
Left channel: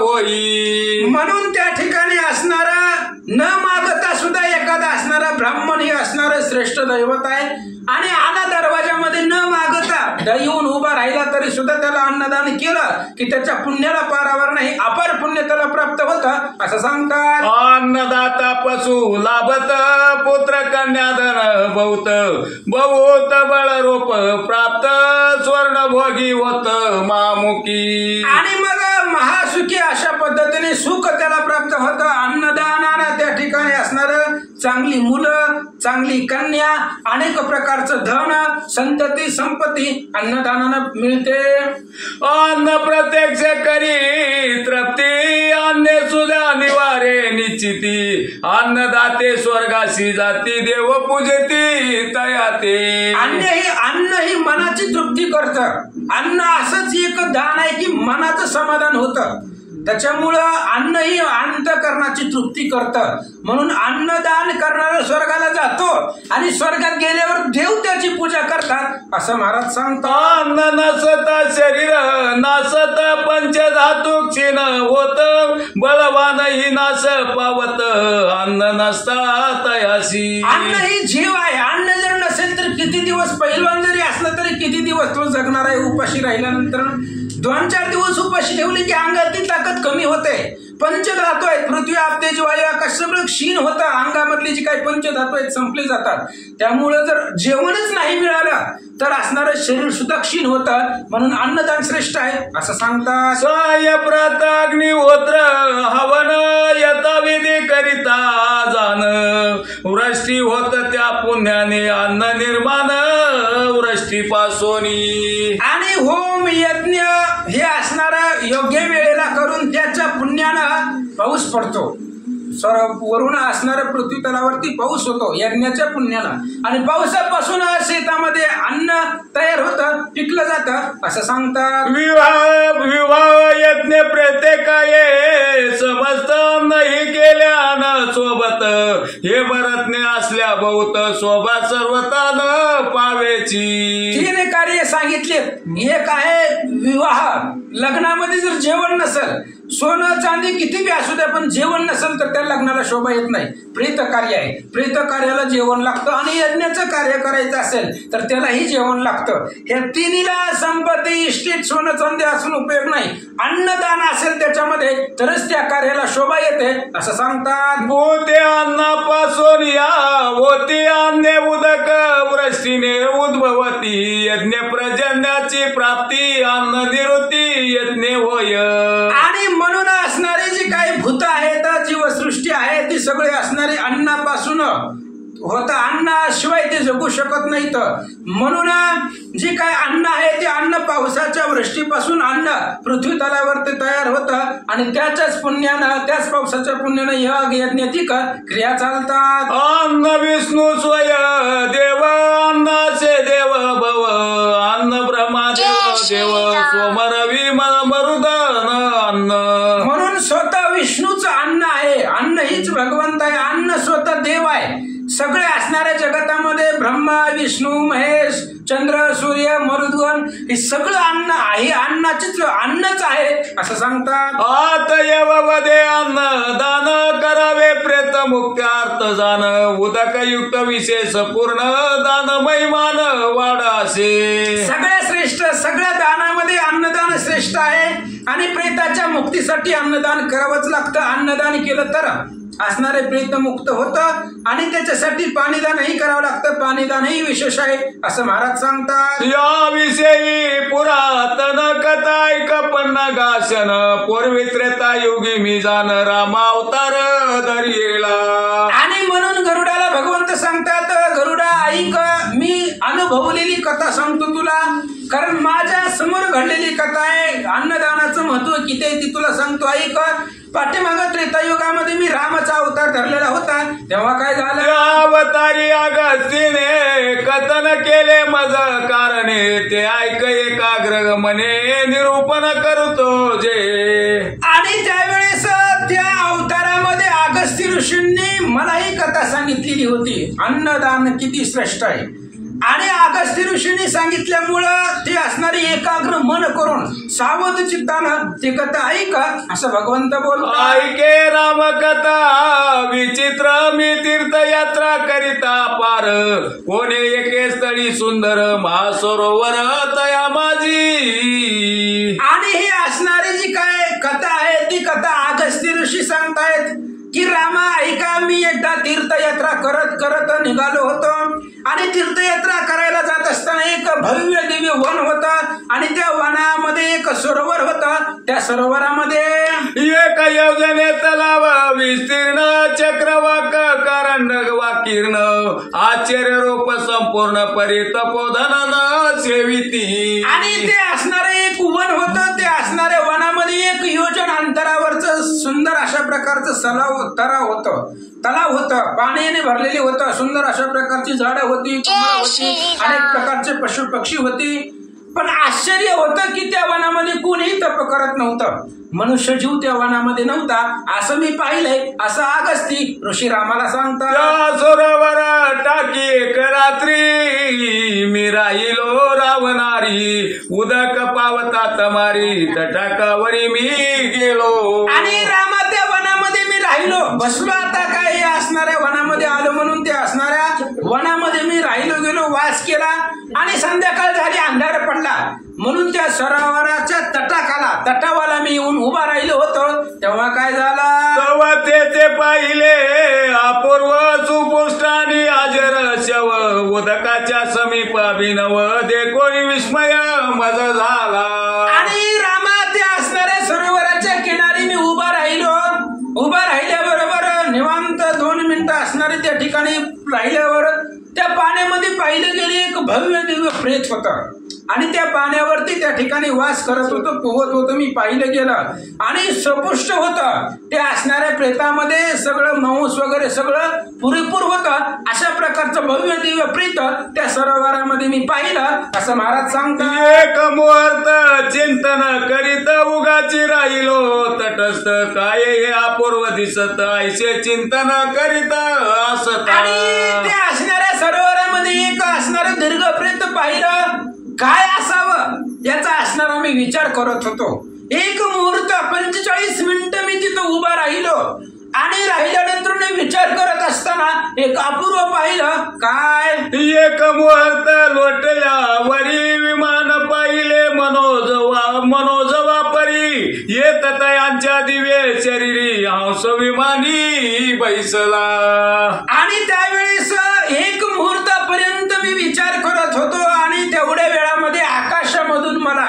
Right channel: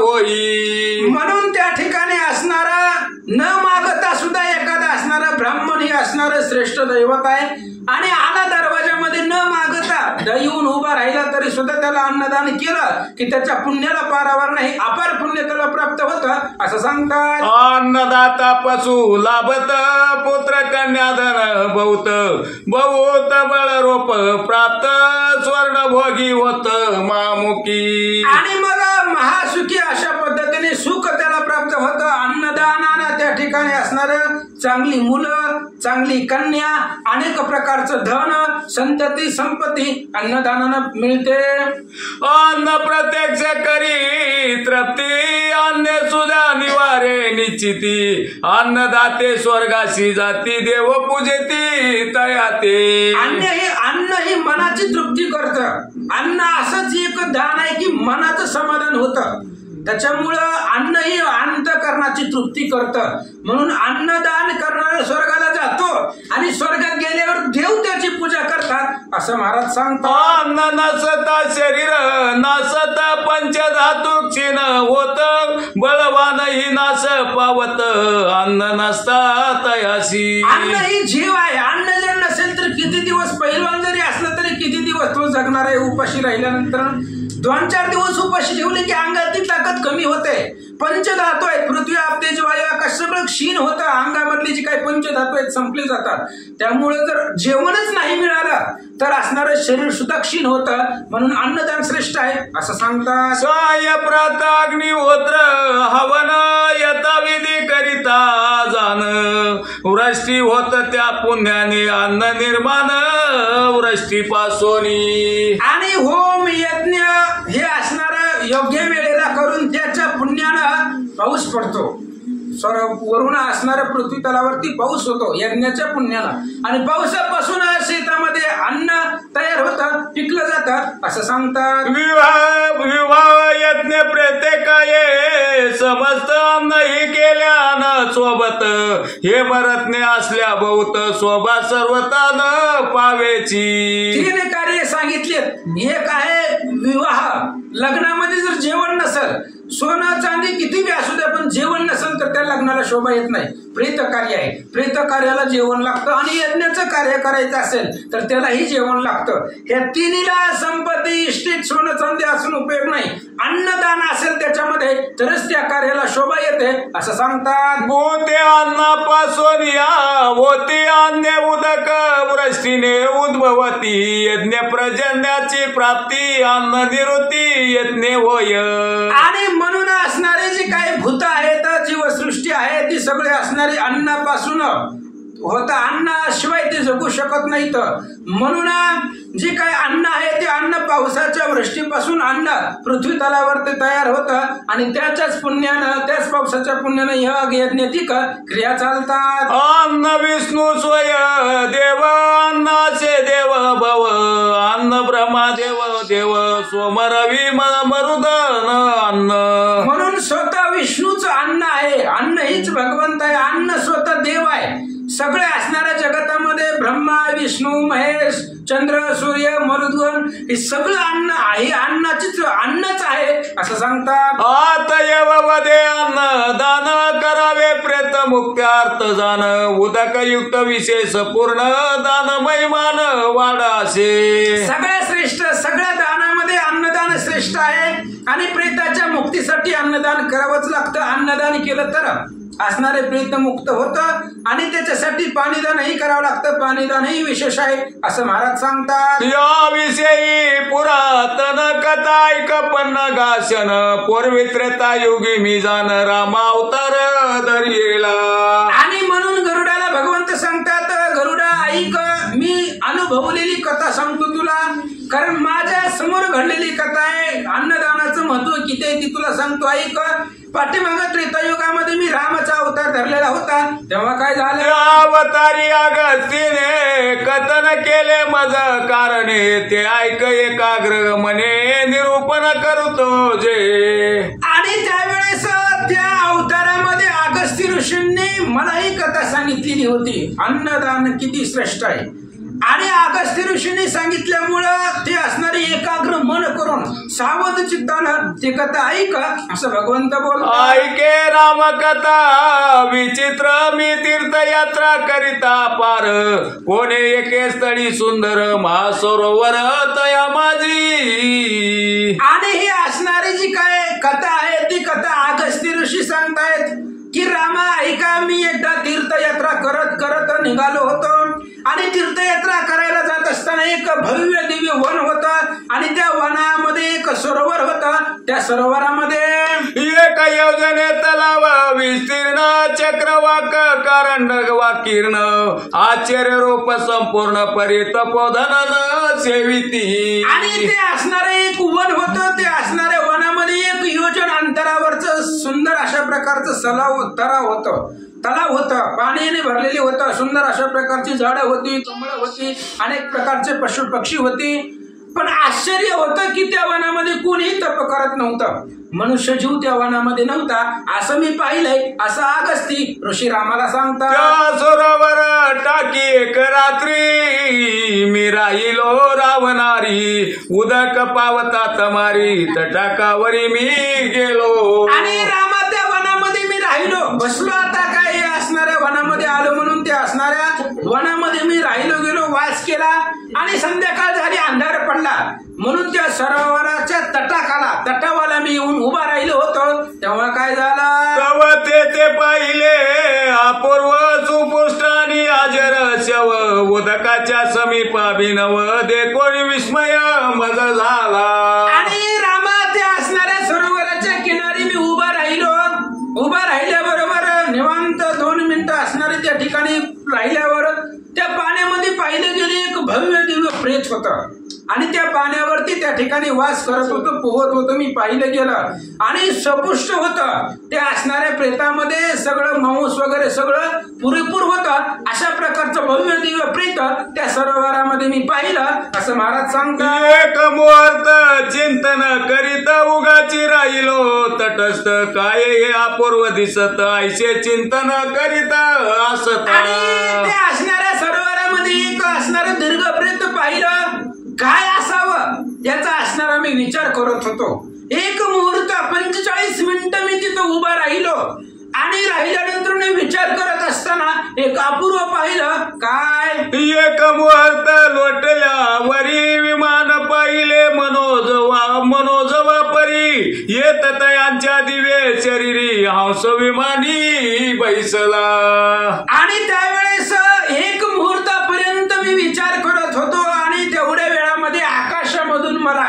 होई. म्हणून त्या ठिकाणी असणारा न मागता सुद्धा एखादा असणारा ब्राह्मण हे असणारं श्रेष्ठ दैवत आहे. आणि आला दरवाजामध्ये न मागता येऊन उभा राहिला तरी सुद्धा त्याला अन्नदान केलं की त्याच्या पुण्याला पारावर नाही, अपार पुण्य त्याला प्राप्त होतं असं सांगतात. अन्नदाता पशु लाभत पुत्र कन्याधन बहुत बहुत बळ रोप प्राप्त स्वर्ण भोगी होत मामुकी. आणि मग महासुखी अशा पद्धतीने सुख त्याला प्राप्त होतं. अन्नदानानं त्या ठिकाणी असणारं चांगली मुलं, चांगली कन्या, अनेक प्रकारचं धन, संतती, संपत्ती अन्नदानानं मिळते. अन्न प्रत्यक्ष करी तृप्ती अन्न सुद्धा निवारे निश्चिती. अन्नदाते स्वर्गाशी जाती देव पूजती तयाते. अन्न ही मनाची तृप्ती करतं. अन्न असंच एक दान आहे की मनाचं समाधान होतं. त्याच्यामुळं अन्न ही अंतःकरणाची तृप्ती करतं. म्हणून अन्नदान करणारा स्वर्गाला जातो आणि स्वर्गात गेल्यावर देव त्याची पूजा करतात असं महाराज सांगतात. अन्न नसता शरीर नासत पंचधातू क्षीण होत बळवानही नाश पावत अन्न नसता तयाशी. अन्न ही जीव आहे. अन्न जर नसेल तर किती दिवस, पहिलवान जरी असलं तरी किती दिवस तो जगणार आहे उपाशी राहिल्यानंतर. 2-4 दिवस उपाशी ठेवले की अंगातली ताकद कमी होते. पंचधातू आहेत, पृथ्वी आप तेज वायू आकाश सगळं क्षीण होतं. अंगामधली जी काही पंचधातू आहेत संपले जातात. त्यामुळे जर जेवणच नाही मिळालं तर असणारं शरीर सुद्धा क्षीण होतं. म्हणून अन्नदान श्रेष्ठ आहे असं सांगतात. साय प्रात अग्निहोत्र हवन यथाविधी करिता जाण वृष्टी होत त्या पुण्याने अन्न निर्माण वृष्टीपासोनी. आणि होम यज्ञ हे असणारं योग्य वेळेला करून त्याच्या पुण्यानं पाऊस पडतो. वरून असणाऱ्या पृथ्वी तलावरती पाऊस होतो यज्ञाच्या पुण्यानं. आणि पावसापासून शेतामध्ये अन्न तयार होतं, पिकलं जातं असं सांगतात. विवाह यज्ञ प्रत्येकाये समस्त नाही केल्यानं सोबत हे भरतने असल्या बहुत शोभा सर्वतान पावेची. 3 कार्य सांगितलेत. एक आहे विवाह. लग्नामध्ये जर जेवण नसेल, सोनं चांदी किती बी असू द्या पण जेवण नसेल तर त्या लग्नाला शोभा येत नाही. प्रेत कार्य आहे, प्रेत कार्याला जेवण लागतं. आणि यज्ञाचं कार्य करायचं असेल तर त्यालाही जेवण लागतं. ह्या तिन्हीला संपत्ती इष्टीत सोनं चांदी असून उपयोग नाही. अन्नदान असेल त्याच्यामध्ये तरच त्या कार्याला शोभा येते असं सांगतात. भूते अन्नापासून या होती अन्य उदक वृष्टीने उद्भवती यज्ञ प्रजन्याची प्राप्ती अन्न निवृत्ती यज्ञ होय. आणि म्हणून असणारी जी काही भूत आहेत, जीवसृष्टी आहे ती सगळी असणारी अन्नापासून होता. अन्नाशिवाय ते जगू शकत नाहीत. म्हणून जे काय अन्न आहे ते अन्न पावसाच्या वृष्टीपासून अन्न पृथ्वी तलावरती तयार होतं. आणि त्याच्याच पुण्यानं, त्याच पावसाच्या पुण्यानं यज्ञातिक क्रिया चालतात. अन्न विष्णू स्वय देव अन्नाचे देव भव अन्न ब्रह्मा देव देव सोमरवी मरुदन अन्न. म्हणून स्वतः विष्णूचं अन्न आहे. अन्न हीच भगवंत आहे. अन्न स्वतः देव आहे. सगळे असणाऱ्या जगतामध्ये ब्रह्मा विष्णू महेश चंद्र सूर्य मरुद्गण हे सगळं अन्न आहे. अन्नाचीच अन्नच आहे असं सांगतात. आतयव वदे अन्न दान करावे प्रेत मुक्त्यार्थ जाण उदक युक्त विशेष पूर्ण दान महिमान वाढासे. सगळ्या श्रेष्ठ, सगळ्या दानामध्ये अन्नदान श्रेष्ठ आहे. आणि प्रेताच्या मुक्तीसाठी अन्नदान करावंच लागतं. अन्नदान केलं तर असणारे प्रेत मुक्त होतं. आणि त्याच्यासाठी पाणीदानही करावं लागतं. पाणीदानही विशेष आहे असं महाराज सांगतात. याविषयी पुरातन कथा ऐक पन्न गाशन पूर्वी त्रेता युगी मी जाण रामावतार दर्येला. आणि म्हणून गरुडाला भगवंत सांगतात, गरुडा ऐक, मी अनुभवलेली कथा सांगतो तुला. कारण माझ्या समोर घडलेली कथा आहे. अन्नदानाचं महत्व किती आहे ती तुला सांगतो, ऐक. पाठीमाग त्रेतायुगामध्ये मी रामाचा अवतार धरलेला होता. तेव्हा काय झालं? अवतारी अगस्तीने कथन केले मज कारणे ते ऐक एकाग्र मने निरूपण करतो जे. आणि त्यावेळेस त्या अवतारामध्ये अगस्ती ऋषींनी मला ही कथा सांगितलेली होती. अन्नदान किती श्रेष्ठ आहे. आणि अगस्ती ऋषींनी सांगितल्यामुळं ते असणारी एकाग्र मन करून सावध चित्तानं ती कथा ऐक असं भगवंत बोलतात. ऐके राम कथा विचित्र मी तीर्थयात्रा करिता पार कोणे एके स्थळी सुंदर महासरोवर तया माझी. आणि ही असणारी जी काय कथा आहे ती कथा अगस्ती ऋषी सांगतायत की रामा ऐका, मी एकदा तीर्थयात्रा करत करत निघालो होतो. आणि तीर्थयात्रा करायला जात असताना एक भव्य दिव्य वन होतं. आणि त्या वनामध्ये एक सरोवर होतं. त्या सरोवरामध्ये एक योजने तलाव विस्तीर्ण चक्रवाक कारंड वाकीर्ण आश्चर्य रूप संपूर्ण परितपोधन सेविती. आणि ते असणारे एक वन होतं. ते असणाऱ्या वनामध्ये 1 योजन अंतरावरचं सुंदर अशा प्रकारचं तलाव होतं. पाण्याने भरलेली होतं. सुंदर अशा प्रकारची झाडं होती, कमळं होती, अनेक प्रकारचे पशु पक्षी होती. पण आश्चर्य होतं की त्या वनामध्ये कोणीही तप करत नव्हतं. मनुष्य जीव त्या वनामध्ये नव्हता असं मी पाहिलंय असं अगस्ती ऋषी रामाला सांगतात. सरोवर टाकी एक रात्री मी राहिलो रावणारी उदक पावता तमारी तटाकावरी मी गेलो. आणि रामा त्या वनामध्ये मी राहिलो, बसलो. आता काय असणाऱ्या वनामध्ये आलो म्हणून त्या असणाऱ्या वनामध्ये मी राहिलो गेलो, वास केला. आणि संध्याकाळ झाली, अंधार पडला, म्हणून त्या सरोवराच्या तटावाला मी येऊन उभा राहिलो होतो. तेव्हा काय झालं, तव ते पाहिले अपूर्व सुपुष्टानी अजर शव उदकाच्या समीप अभिनव दे कोणी विस्मय मज झाला. आणि रामा त्या असणाऱ्या सरोवराच्या किनारी मी उभा राहिल्याबरोबर निवांत 2 मिनिटं असणारे त्या ठिकाणी राहिल्यावर त्या पाण्यामध्ये पाहिलं गेले एक भव्य दिव्य प्रेत होतं आणि त्या पाण्यावरती त्या ठिकाणी वास करत होतं, पोहत होतं. मी पाहिलं गेलं आणि सपुष्ट होतं. त्या असणाऱ्या प्रेतामध्ये सगळं मांस वगैरे सगळं पुरेपूर होतं. अशा प्रकारचं भव्य दिव्य प्रेत त्या सरोवरामध्ये मी पाहिलं, असं महाराज सांगतात. एक मुहूर्त चिंतन करीत उगाची राहिलो तटस्थ काय हे अपूर्व दिसत ऐसे चिंतन करीत असत. आणि त्या असणाऱ्या सरोवरामध्ये एक असणारं दीर्घ प्रेत पाहिलं. काय असावं याचा असणारा मी विचार करत होतो. एक मुहूर्त 45 मिनिटं मी तिथं उभा राहिलो आणि राहिल्यानंतर मी विचार करत असताना एक अपूर्व पाहिलं. काय, एक मुहूर्त लोटल्या वरी विमान पाहिले मनोजवा परी येत तयांच्या दिवे शरीरी हंस विमानी बैसला. आणि त्यावेळेस एक मुहूर्तापर्यंत मी विचार करत होतो आणि तेवढ्या वेळामध्ये आकाशामधून मला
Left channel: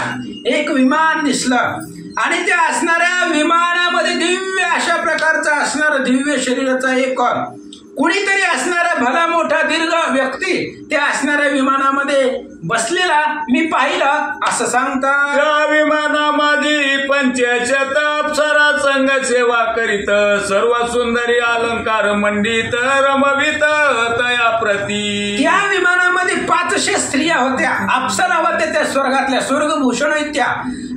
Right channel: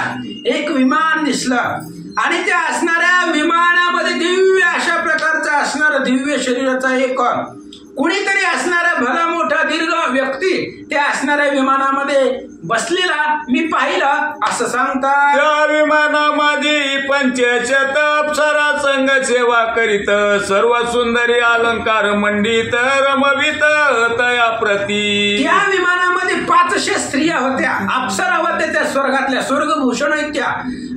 एक विमान दिसलं आणि त्या असणाऱ्या विमानामध्ये दिव्य अशा प्रकारचा असणारा दिव्य शरीराचा एक कुणीतरी असणारा भला मोठा दीर्घ व्यक्ती त्या असणाऱ्या विमानामध्ये बसलेला मी पाहिलं, असं सांगतात. त्या विमानामध्ये 500 अप्सरा संघ सेवा करीत सर्व सुंदरी अलंकार मंडित रमवित तया प्रती. त्या विमानामध्ये 500 स्त्रिया होत्या, अप्सरा होत्या, त्या स्वर्गातल्या स्वर्गभूषण आहेत त्या.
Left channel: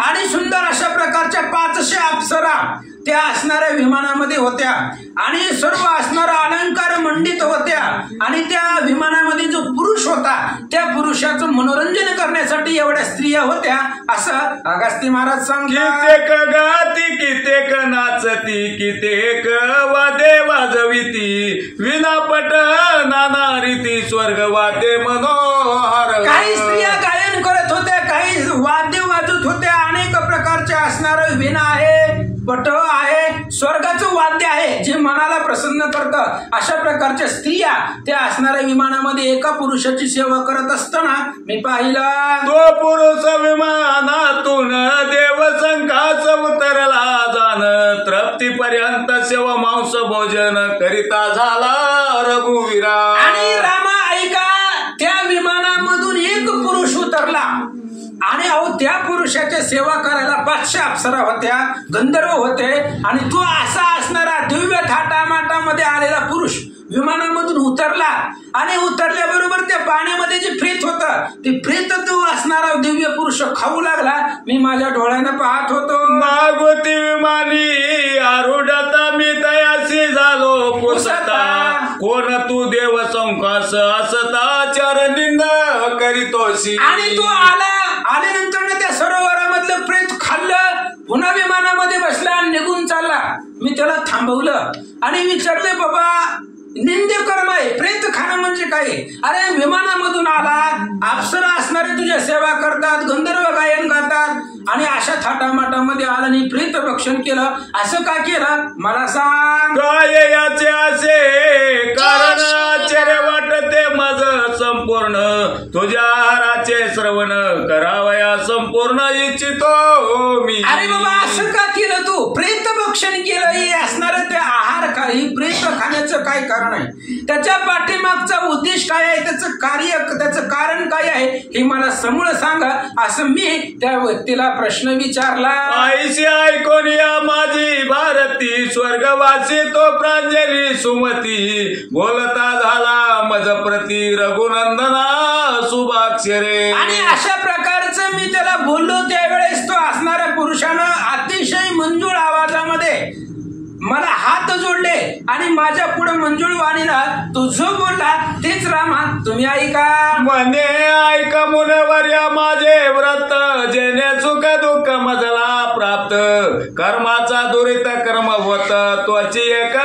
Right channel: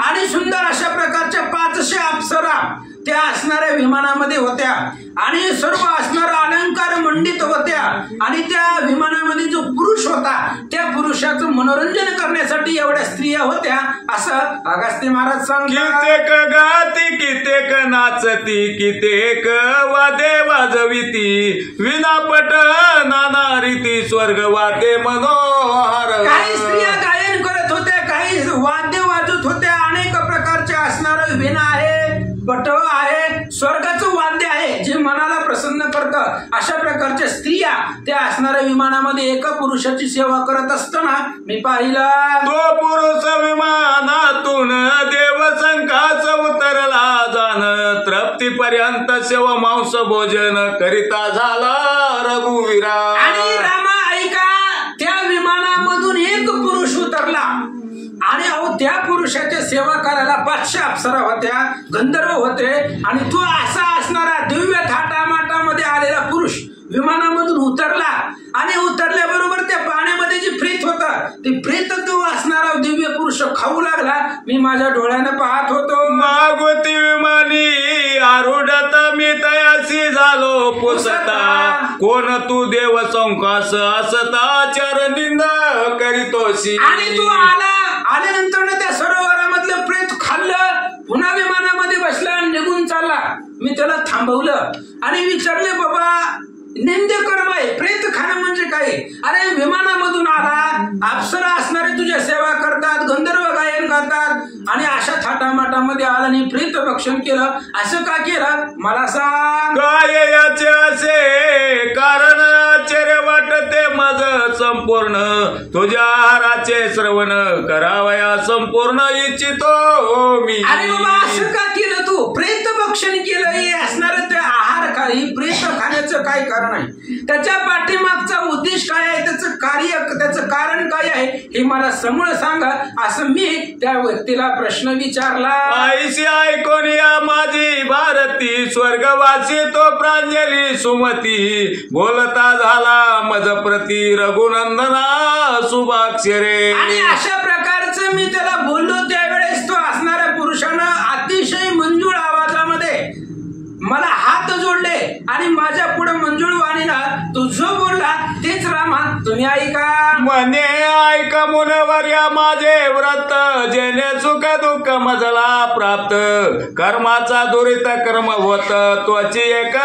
आणि सुंदर अशा प्रकारच्या 500 अप्सरा त्या असणाऱ्या विमानामध्ये होत्या आणि सर्व असणारा अलंकार मंडित होत्या. आणि त्या विमानामध्ये जो पुरुष होता त्या पुरुषाचं मनोरंजन करण्यासाठी एवढ्या स्त्रिया होत्या, असं अगस्त्य महाराज सांगतात. कित्येक गाती कित्येक नाचती कित्येक वादे वाजविती विनापट नाना रीती स्वर्ग वादे मनोहर. काही स्त्रिया गायन करत होत्या, काही वाद्य वाजत होत्या. अनेक प्रकारच्या असणारं विणा आहे, पट आहे, स्वर्गाचं वाद्य आहे जे मनाला प्रसन्न करतं. अशा प्रकारच्या स्त्रिया त्या असणाऱ्या विमानामध्ये एका पुरुषाची सेवा करत असताना मी पाहिलं. तो पुरुष विमानातून देवसंखाच उतरला जाण तृप्तीपर्यंत सेवा मांस भोजन करिता झाला रघुवीरा. आणि रामा ऐका, त्या विमानामधून एक पुरुष उतरला आणि त्या पुरुषाच्या सेवा करायला 500 अप्सरा होत्या, गंधर्व होते. आणि तो असा असणारा दिव्य थाटामाटामध्ये आलेला पुरुष विमानामधून उतरला आणि उतरल्याबरोबर त्या पाण्यामध्ये जे प्रेत होतं ते प्रेत तो असणारा दिव्य पुरुष खाऊ लागला. मी माझ्या डोळ्याने पाहत होतो. मागोती विमानी आरूढता मी तयासी झालो पुसता कोण तू देव संकास असता चरणिंद करीतोसी. आणि तो आल्यानंतर त्या सरोवरामधलं प्रेत खाल्लं, पुन्हा विमानामध्ये बसला आणि निघून चालला. मी त्याला थांबवलं आणि विचारले, बाबा निंद्य कर्म आहे, प्रेत खाणं म्हणजे काय? अरे विमानामधून आला, अप्सरा असणारे तुझ्या सेवा करतात, गंधर्व गायन गातात आणि अशा थाटामाटामध्ये आला आणि प्रेत भक्षण केलं, असं का केलं मला सांग. काय याचे असे कारण आश्चर्य वाटते माझ संपूर्ण तुझ्या आहाराचे श्रवण करावया संपूर्ण इच्छितो मी. अरे बाबा असं का केलं तू? प्रेत भक्षण केलं हे असणार त्या आहार काही प्रेत खाण्याचं काय कारण आहे? त्याच्या पाठीमागचा उद्देश काय आहे? त्याचं कार्य, त्याचं कारण काय आहे हे मला समूळ सांगा, असं मी त्या व्यक्तीला प्रश्न विचारला. आईशी ऐकून या माझी भारती स्वर्गवासी तो प्रांजली सुमती बोलता झाला मज प्रती रघुनंदना शुभाक्षरे. आणि अशा प्रकारचं मी त्याला बोललो त्यावेळेस तो असणाऱ्या पुरुषानं अतिशय मंजूळ आवाजामध्ये मला हात जोडले आणि माझ्या पुढे मंजूळ वाणीला तो जो बोलला तेच रामा तुम्ही ऐका. म्हणे ऐक मुनवर्या माझे व्रत जेणे सुख दुःख मजला प्राप्त कर्माचा दुरित कर्म होत त्वची एक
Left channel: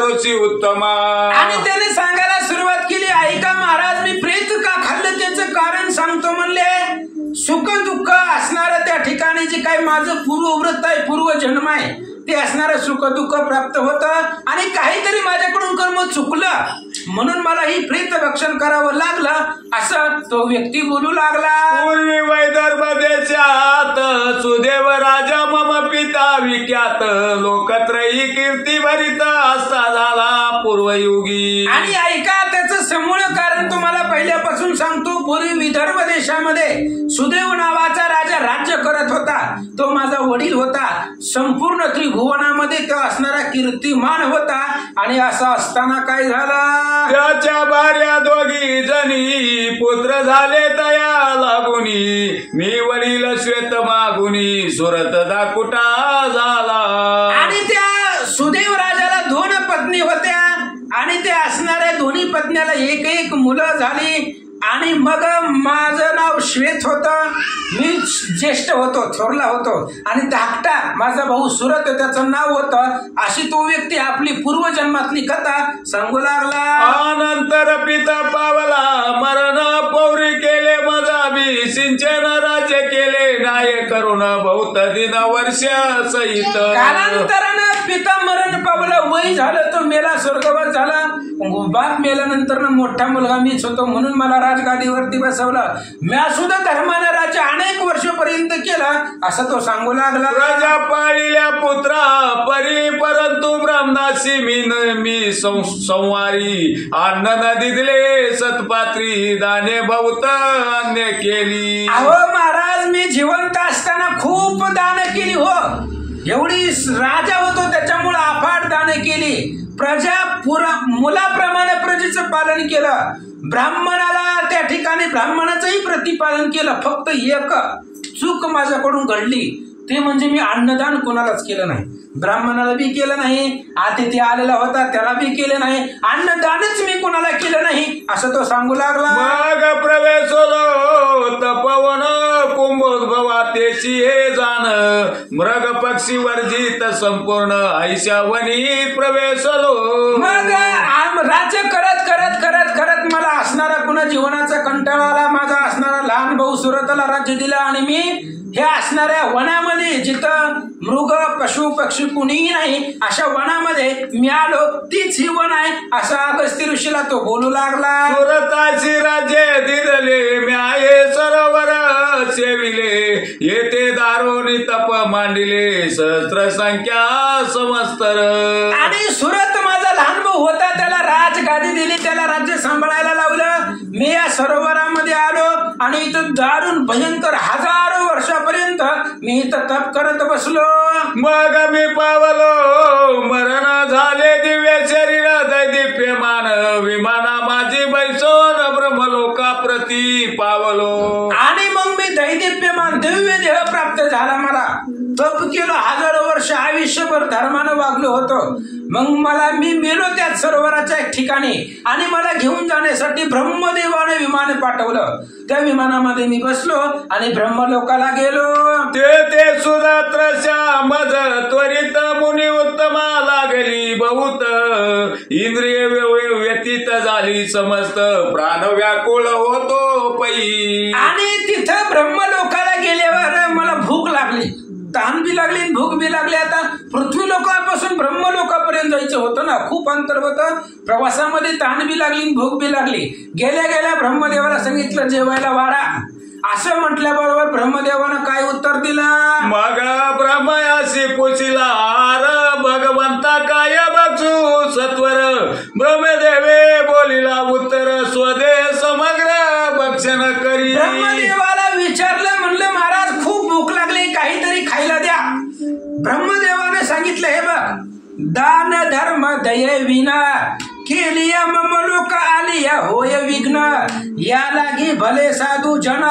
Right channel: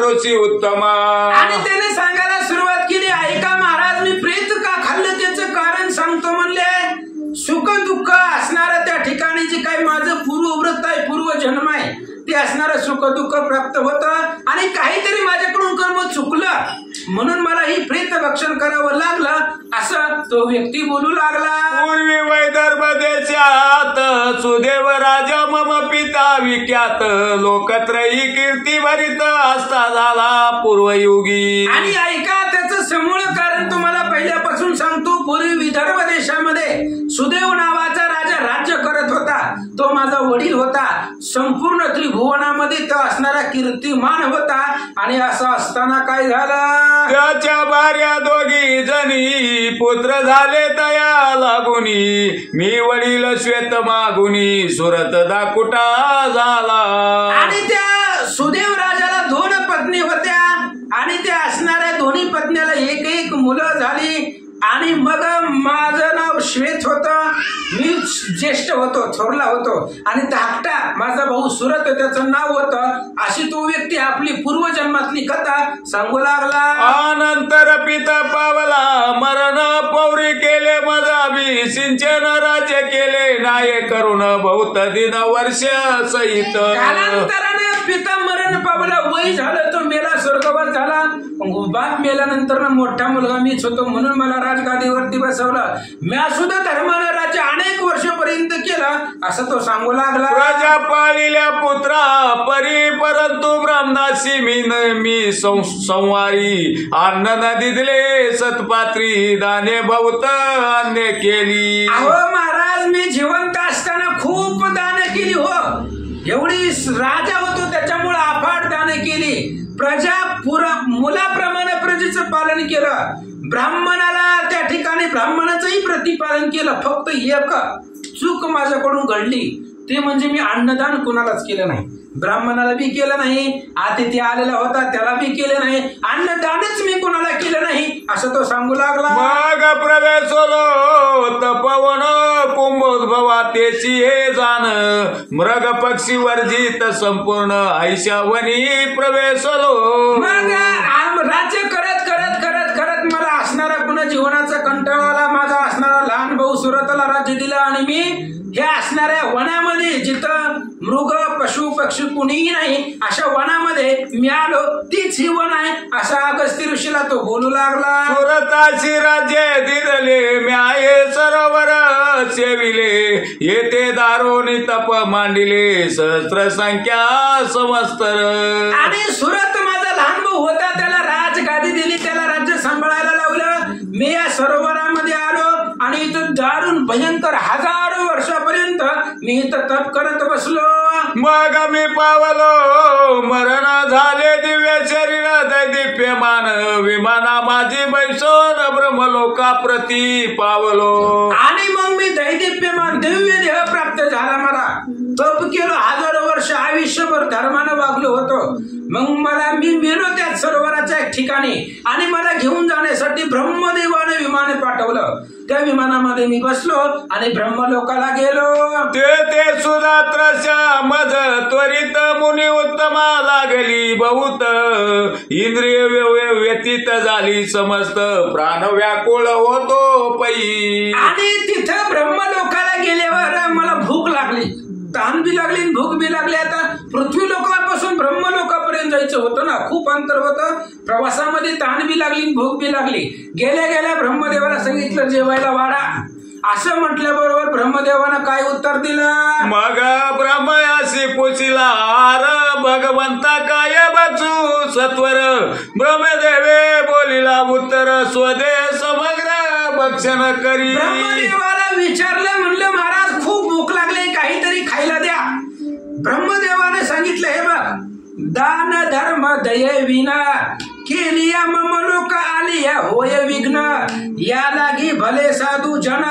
रुची उत्तमा. आणि त्याने सांगायला सुरुवात केली, ऐका महाराज मी प्रेत का खाल्लं त्याचं कारण सांग सांगतो म्हणले सुख दुःख असणारं त्या ठिकाणी जे काही माझं पूर्वव्रत आहे, पूर्वजन्म आहे, ते असणारं सुख दुःख प्राप्त होतं आणि काहीतरी माझ्याकडून कर्म चुकलं म्हणून मला ही प्रेत भक्षण करावं लागलं, असं तो व्यक्ती बोलू लागला. पूर्वी वैदर्भ देशात सुदेव राजा मम पिता विख्यात, लोकत्रयी कीर्ती भरित असता झाला पूर्वयुगी. आणि ऐका त्याचं समूळ कारण तुम्हाला पहिल्यापासून सांगतो. पूर्वी विदर्भ देशामध्ये सुदेव नावाचा राजा राज्य करत होता. तो माझा वडील होता. संपूर्ण त्रिभुवनामध्ये तो असणारा कीर्तिमान होता. आणि असं असताना काय झालं, त्याच्या भार्या दोघी जणी पुत्र झाले तया लागुनी, मी वडील श्वेत मागुनी सुरत दाकुटा झाला. आणि त्या सुदेव राजाला 2 पत्नी होत्या आणि त्या असणाऱ्या दोन्ही पत्नीला एक मुलं झाली. आणि मग माझं नाव श्वेत होतं, मी ज्येष्ठ होतो, थोरला होतो. आणि धाकटा माझा भाऊ सुरत त्याचं नाव होतं. अशी तो व्यक्ती आपली पूर्वजन्मातली कथा सांगू लागला. अनंतर पिता पावला मरण, पौरी केले मजाबी, सिंचन राज्य केले नाय करून बहुत दिन वर्ष सहित. कालांतरानं पिता मरण पावलं, वय झालं, तो मेला, स्वर्गवास झाला. बाप मेल्यानंतर मोठा मुलगा मीच होतो म्हणून मला राजगादीवरती बसवलं. मी सुद्धा धर्मानं राज्य अनेक वर्षपर्यंत केलं, असं तो सांगू लागला. प्रजा पाळिल्या पुत्रा परी, परंतु ब्रह्मदासी मी संवारी, अन्न नदी दिले सतपात्री, दाने बहुत अन्य केली. अहो महाराज, मी जिवंत असताना खूप दान केली हो. एवढी राजा होतो त्याच्यामुळे अफाट दान केली. प्रजा मुलाप्रमाणे प्रजेचं पालन केलं. ब्राह्मणाला त्या ठिकाणी ब्राह्मणाचंही प्रतिपालन केलं. फक्त एक चूक माझ्याकडून घडली, ते म्हणजे मी अन्नदान कोणालाच केलं नाही. ब्राह्मणाला बी केलं नाही, अतिथी आलेला होता त्याला बी केलं नाही, अन्नदानच मी कोणाला केलं नाही, असं तो सांगू लागला. मग प्रवेशलो तपवन कुंभोद्भवा तेची हे जाण, मृग पक्षी वर्जित संपूर्ण ऐशावनी प्रवेशलो. मग राज्य करत करत करत करत मला असणारा पुन्हा जीवनाचा कंटाळा आला. माझा असणारा लहान भाऊ सुरतला राज्य दिलं आणि मी हे असणाऱ्या वनामध्ये, जिथं मृग पशु पक्षी कुणीही नाही, अशा वनामध्ये मी आलो. तीच ही वन आहे, असा अगस्त्य ऋषीला तो बोलू लागला. सुरताची राज्य दिले म्याये सरोवर सेविले, येथे दारोनी तप मांडिले सहस्त्र संख्या समस्तर. आणि सुरत माझा लहान भाऊ होता, त्याला राजगादी दिली, त्याला राज्य सांभाळायला लावलं. मी या सरोवरामध्ये आलो आणि इथं दारुण भयंकर हजारो वर्षापर्यंत मी इथं तप करत बसलो. मग मी पावलो मरण झाले दिव्य शरीर दैदिप्यमान, विमाना माझी बैसोन ब्रह्मलोका प्रती पावलो. आणि मग मी दैदिप्यमान दिव्य देह प्राप्त झाला. मला तप केलं, हजारो वर्ष आयुष्यभर धर्मानं वागलो होतो. मग मी मेलो त्याच सरोवराच्या एक ठिकाणी आणि मला घेऊन जाण्यासाठी ब्रह्मदेवाने विमान पाठवलं. त्या विमानामध्ये मी बसलो आणि ब्रह्मलोकाला गेलो. ते सुधात्रशा मज त्वरित मुनी उत्तमा लागली बहुत, इंद्रिय व्यतीत झाली समस्त, प्राण व्याकुळ होतो पै. आणि तिथं ब्रह्मलोकाला गेल्यावर मला भूक लागली, तहान बी लागली, भूक बी लागली. आता पृथ्वी लोकांपासून ब्रह्मलोकापर्यंत जायचं होतं ना, खूप अंतर होतं. प्रवासामध्ये तहान बी लागली, भूक बी लागली. गेल्या गेल्या ब्रह्मदेवाला सांगितलं जेवायला वाढा. असं म्हटल्याबरोबर ब्रह्मदेवानं काय उत्तर दिलं. मग ब्रह्मयाशी पुशिला आर, भगवंता काय बचू सत्वर, ब्रह्मदेवे बोलिला उत्तर, स्वदे समग्र भक्षण करी. ब्रह्मदेवाला विचारलं, म्हणलं महाराज खूप भूक लागली, काहीतरी खायला द्या. ब्रह्मदेवाने सांगितलं, हे बघ, दान धर्म दये विना केलिया ममलोक आलिया होय विघ्न, या लागी भले साधू जन,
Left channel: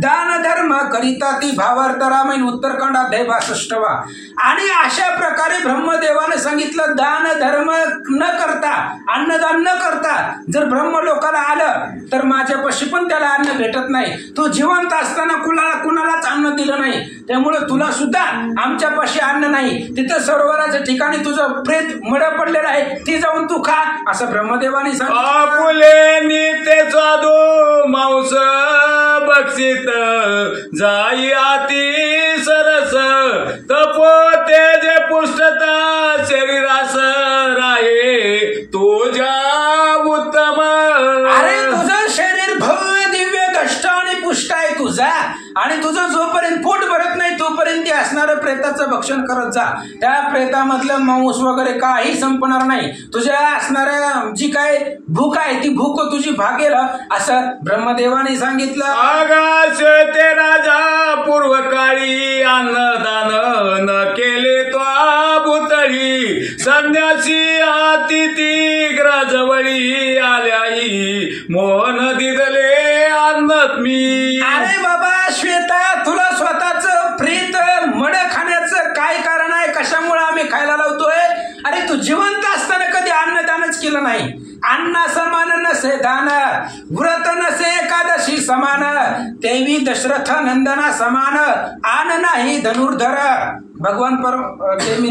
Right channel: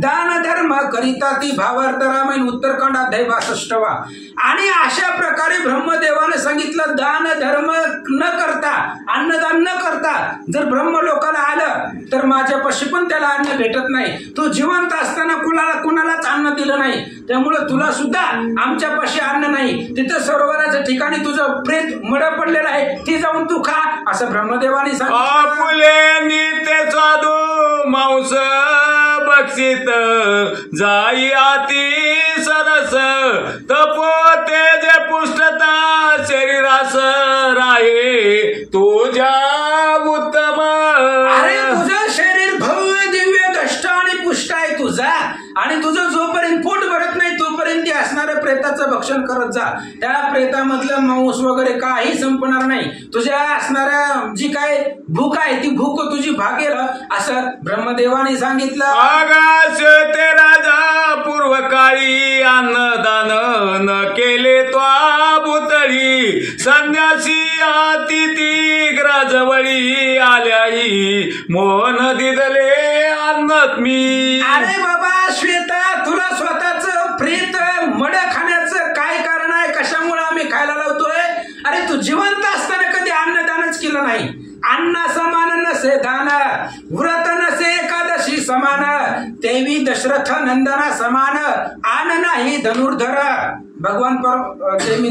दान धर्म करिता ती भावार्थ रामायण उत्तरकांड अध्याय 62. आणि अशा प्रकारे ब्रह्मदेवाने सांगितलं, दान धर्म न करता, अन्नदान न करता जर ब्रह्मलोकाला आलं तर माझ्यापाशी पण त्याला अन्न भेटत नाही. तू जिवंत असताना कुणालाच अन्न दिलं नाही, त्यामुळे तुला सुद्धा आमच्यापाशी अन्न नाही. तिथं सरोवराच्या ठिकाणी तुझं प्रेत मड पडलेलं आहे, ती जाऊन तू खा असं ब्रह्मदेवाने सांगितलं. आपुले नित्य स्वादू मांस बक्षित जाई अति सरस तपो तेज पुष्टता शरीरास राहे तुझ्या उत्तम. अरे तुझं शरीर भव्य दिव्य दष्ट आणि पुष्ट आहे तुझा, आणि तुझं जोपर्यंत पोट भरत नाही तोपर्यंत ते असणारं प्रेताचं भक्षण करत जा. त्या प्रेतामधलं मांस वगैरे काही संपणार नाही. तुझ्या असणाऱ्या जी काय भूक आहे ती भूक तुझी भागेल असं ब्रह्मदेवाने सांगितलं. आकाश ते राजा पूर्व काळी अन्नदान न केले त्वा भूतळी संन्यासी अतिथी ग्राजवळी आल्याही मोहन दिदले अन्नत मी. अरे बाबा श्वेता, तुला स्वतःच प्रेत मड खाण्याचं काय कारण आहे? कशामुळे आम्ही खायला लावतोय? अरे तू जिवंत असताना कधी अन्नदानच केलं नाही. अन्ना समान नसे दान, व्रत नसे एकादशी समान, देवी दशरथ नंदना समान, आन नाही धनुर्धर. भगवान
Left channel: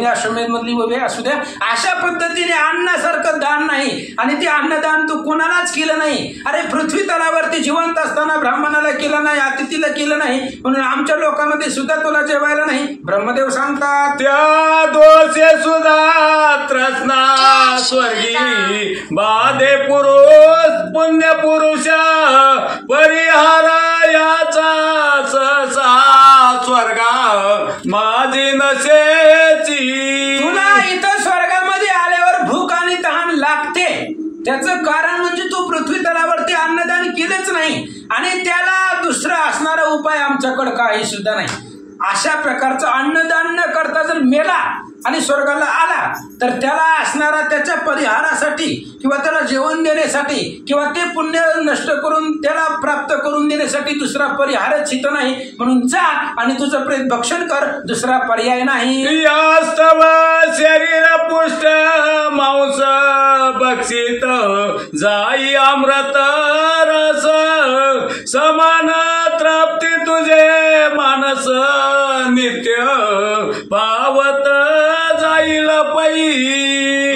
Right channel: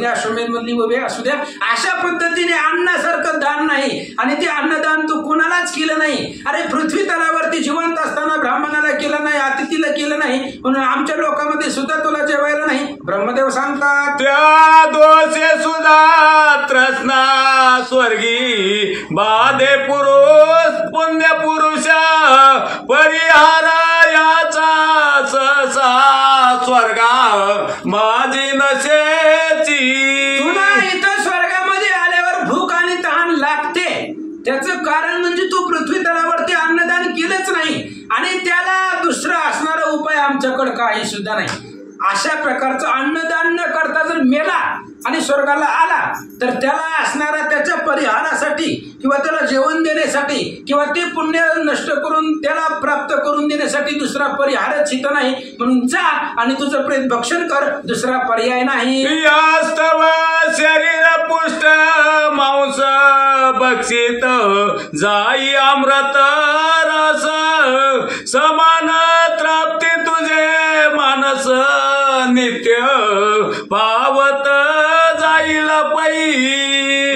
अश्वमेध मधली उभे असू द्या, अशा पद्धतीने अन्नासारखं दान नाही, आणि ते अन्नदान तू कुणालाच केलं नाही. अरे पृथ्वी तलावरती जिवंत असताना ब्राह्मणाला केलं नाही, अतिथीला केलं नाही, म्हणून आमच्या लोकांमध्ये सुद्धा तुला जेवायला नाही. ब्रह्मदेव सांगतात, त्या दोषे सुद्धा त्रस्ना स्वर्गी बाधे पुरुष पुण्य पुरुष परिहार याचा सहसा स्वर्गा माझी नसेची. तुला इथं स्वर्गामध्ये आल्यावर भूक आणि तहान लागते, त्याचं कारण म्हणजे तू पृथ्वी तलावरती अन्नदान केलंच नाही, आणि त्याला दुसरा असणारा उपाय आमच्याकडे काही सुद्धा नाही. अशा प्रकारचं अन्नदान न करता जर मेला आणि स्वर्गाला आला तर त्याला असणारा त्याच्या परिहारासाठी किंवा त्याला जेवण देण्यासाठी किंवा ते पुण्य नष्ट करून त्याला प्राप्त करून देण्यासाठी दुसरा परिहारच इथं नाही. म्हणून जा आणि तुझं प्रेत भक्षण कर, दुसरा पर्याय नाही. यास्तव शरीर पुष्ट मांस बक्षित जाई अमृत रस समान त्राप्ती तुझे मानस नित्य पावत जाईल पै.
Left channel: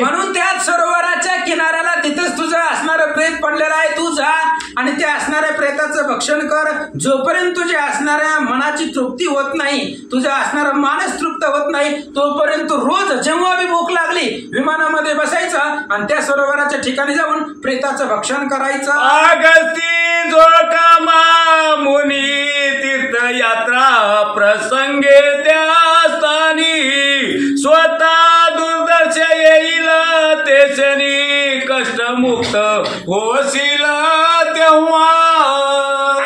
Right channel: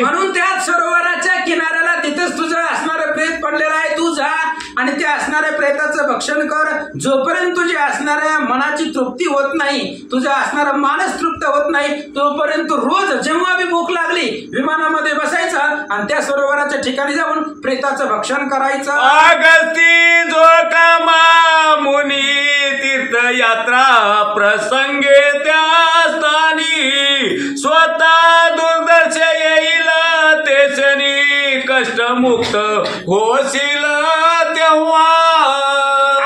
म्हणून त्याच सरोवराच्या किनाऱ्याला तिथंच तुझं असणारं प्रेत पडलेलं आहे, तू जा आणि त्या असणाऱ्या प्रेताचं भक्षण कर. जोपर्यंत तुझ्या असणाऱ्या मनाची तृप्ती होत नाही, तुझा असणारा मानस तृप्त होत नाही, तोपर्यंत रोज जेव्हा बी भूक लागली विमानामध्ये बसायचं आणि त्या सरोवराच्या ठिकाणी जाऊन प्रेताचं भक्षण करायचं. अगस्ती जो कामा मुनी तीर्थयात्रा प्रसंगे त्या स्थानी स्वतः दुर्दर्श येईल तेशनी कष्टमुक्त होशील तेव्हा.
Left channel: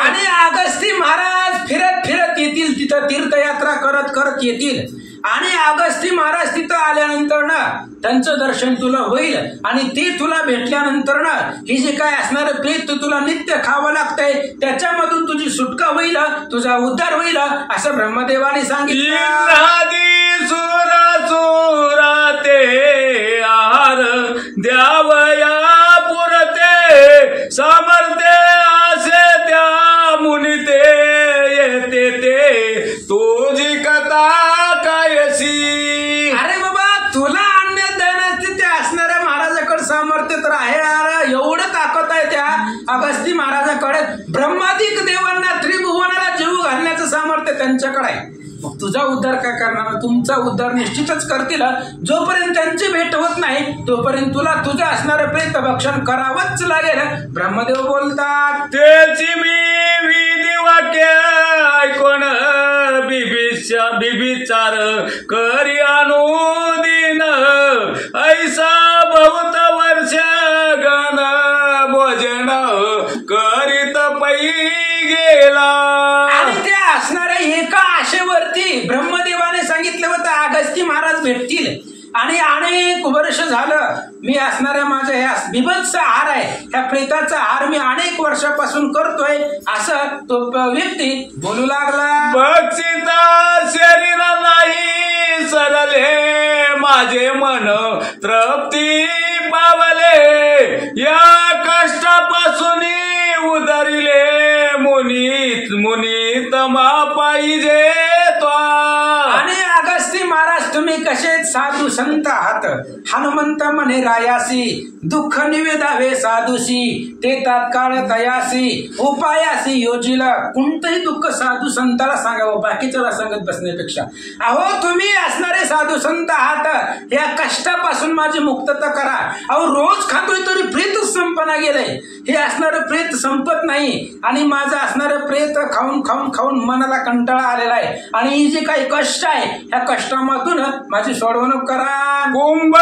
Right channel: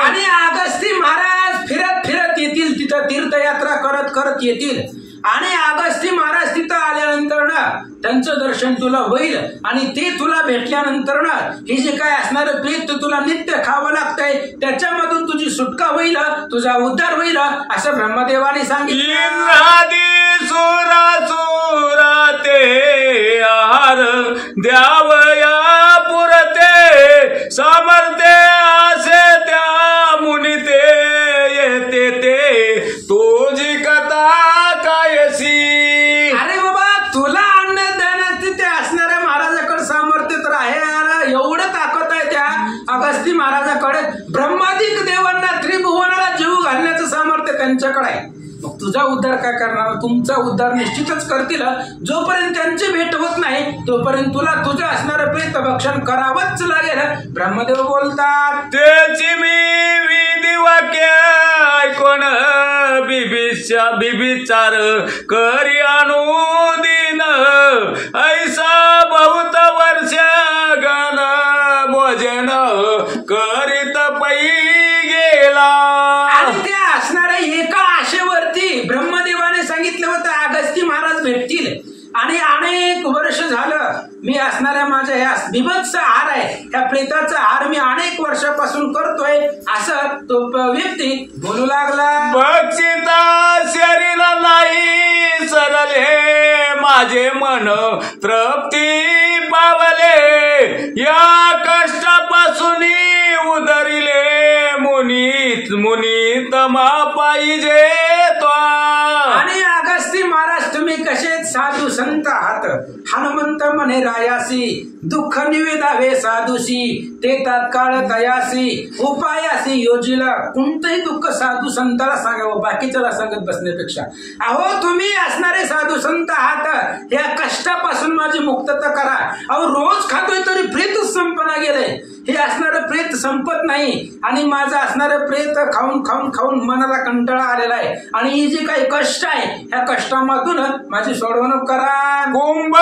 आणि अगस्ती महाराज फिरत फिरत येतील, तिथं तीर्थयात्रा करत करत येतील, आणि अगस्ती महाराज तिथं आल्यानंतर ना त्यांचं दर्शन तुला होईल, आणि ते तुला भेटल्यानंतर ना हे जे काय असणारं प्रेत तुला नित्य खावं लागतंय त्याच्यामधून तुझी सुटका होईल, तुझा उद्धार होईल असं ब्रह्मदेवाने सांगितलं. सुरा ते आहार द्यावया पुरते सामर्थ्य असे त्या मुनी ते येते ते तुझी कथा कायसी. अरे बाबा, तुला अन्न देण्यास ते असणाऱ्या महाराजाकडे सामर्थ्य तर आहे यार, एवढं ताकद आहे त्या अगस्ती महाराजाकडे. ब्रह्मादिक देवांना त्रिभुवनाला जीव घालण्याचं सामर्थ्य त्यांच्याकडे आहे. मग तुझा उद्धार काय करणार? तुमचा उद्धार निश्चितच करतील. जोपर्यंत त्यांची भेट होत नाही तोपर्यंत तुला तुझं असणारं प्रेत भक्षण करावंच लागेल. ब्रह्मदेव बोलतात, त्याची मी विधी वाक्य ऐकून बिबिचार करी अनुदिन ऐसा बहुत वर्ष गण भोजन करीत पै गेला. आणि त्या असणाऱ्या एका आशेवरती ब्रह्मदेवाने सांगितलं होतं अगस्ती महाराज भेटतील, आणि अनेक वर्ष झालं मी असणाऱ्या माझ्या ह्या बिभत्स आहार आहे, ह्या प्रेताचा आहार मी अनेक वर्षापासून करतोय, असं तो व्यक्ती बोलू लागला. बक्षिता शरीर नाही सरले माझे मन तृप्ती पावले, या कष्टापासून उदरिले मुनी तमा पाहिजे तो. आणि अगस्ती महाराज तुम्ही कसे साधू संत आहात. हनुमंत म्हणे रायासी दुःख निवेदावे साधूशी, ते तात्काळ तयासी उपायासी योजिला. कोणतंही दुःख साधू संताला सांगावं, बाकीच्याला सांगत बसण्यापेक्षा. अहो तुम्ही असणारे साधू संत आहात, या कष्टापासून माझी मुक्तता करा. अहो रोज खातोय तरी प्रेतच संपना गेलंय, हे असणारं प्रेत संपत नाही. आणि माझं असणारं प्रेत खाऊन खाऊन खाऊन मनाला कंटाळा आलेला आहे. आणि ही जी काही कष्ट आहे, ह्या कष्टामधून माझी सोडवणूक करा. कुंभ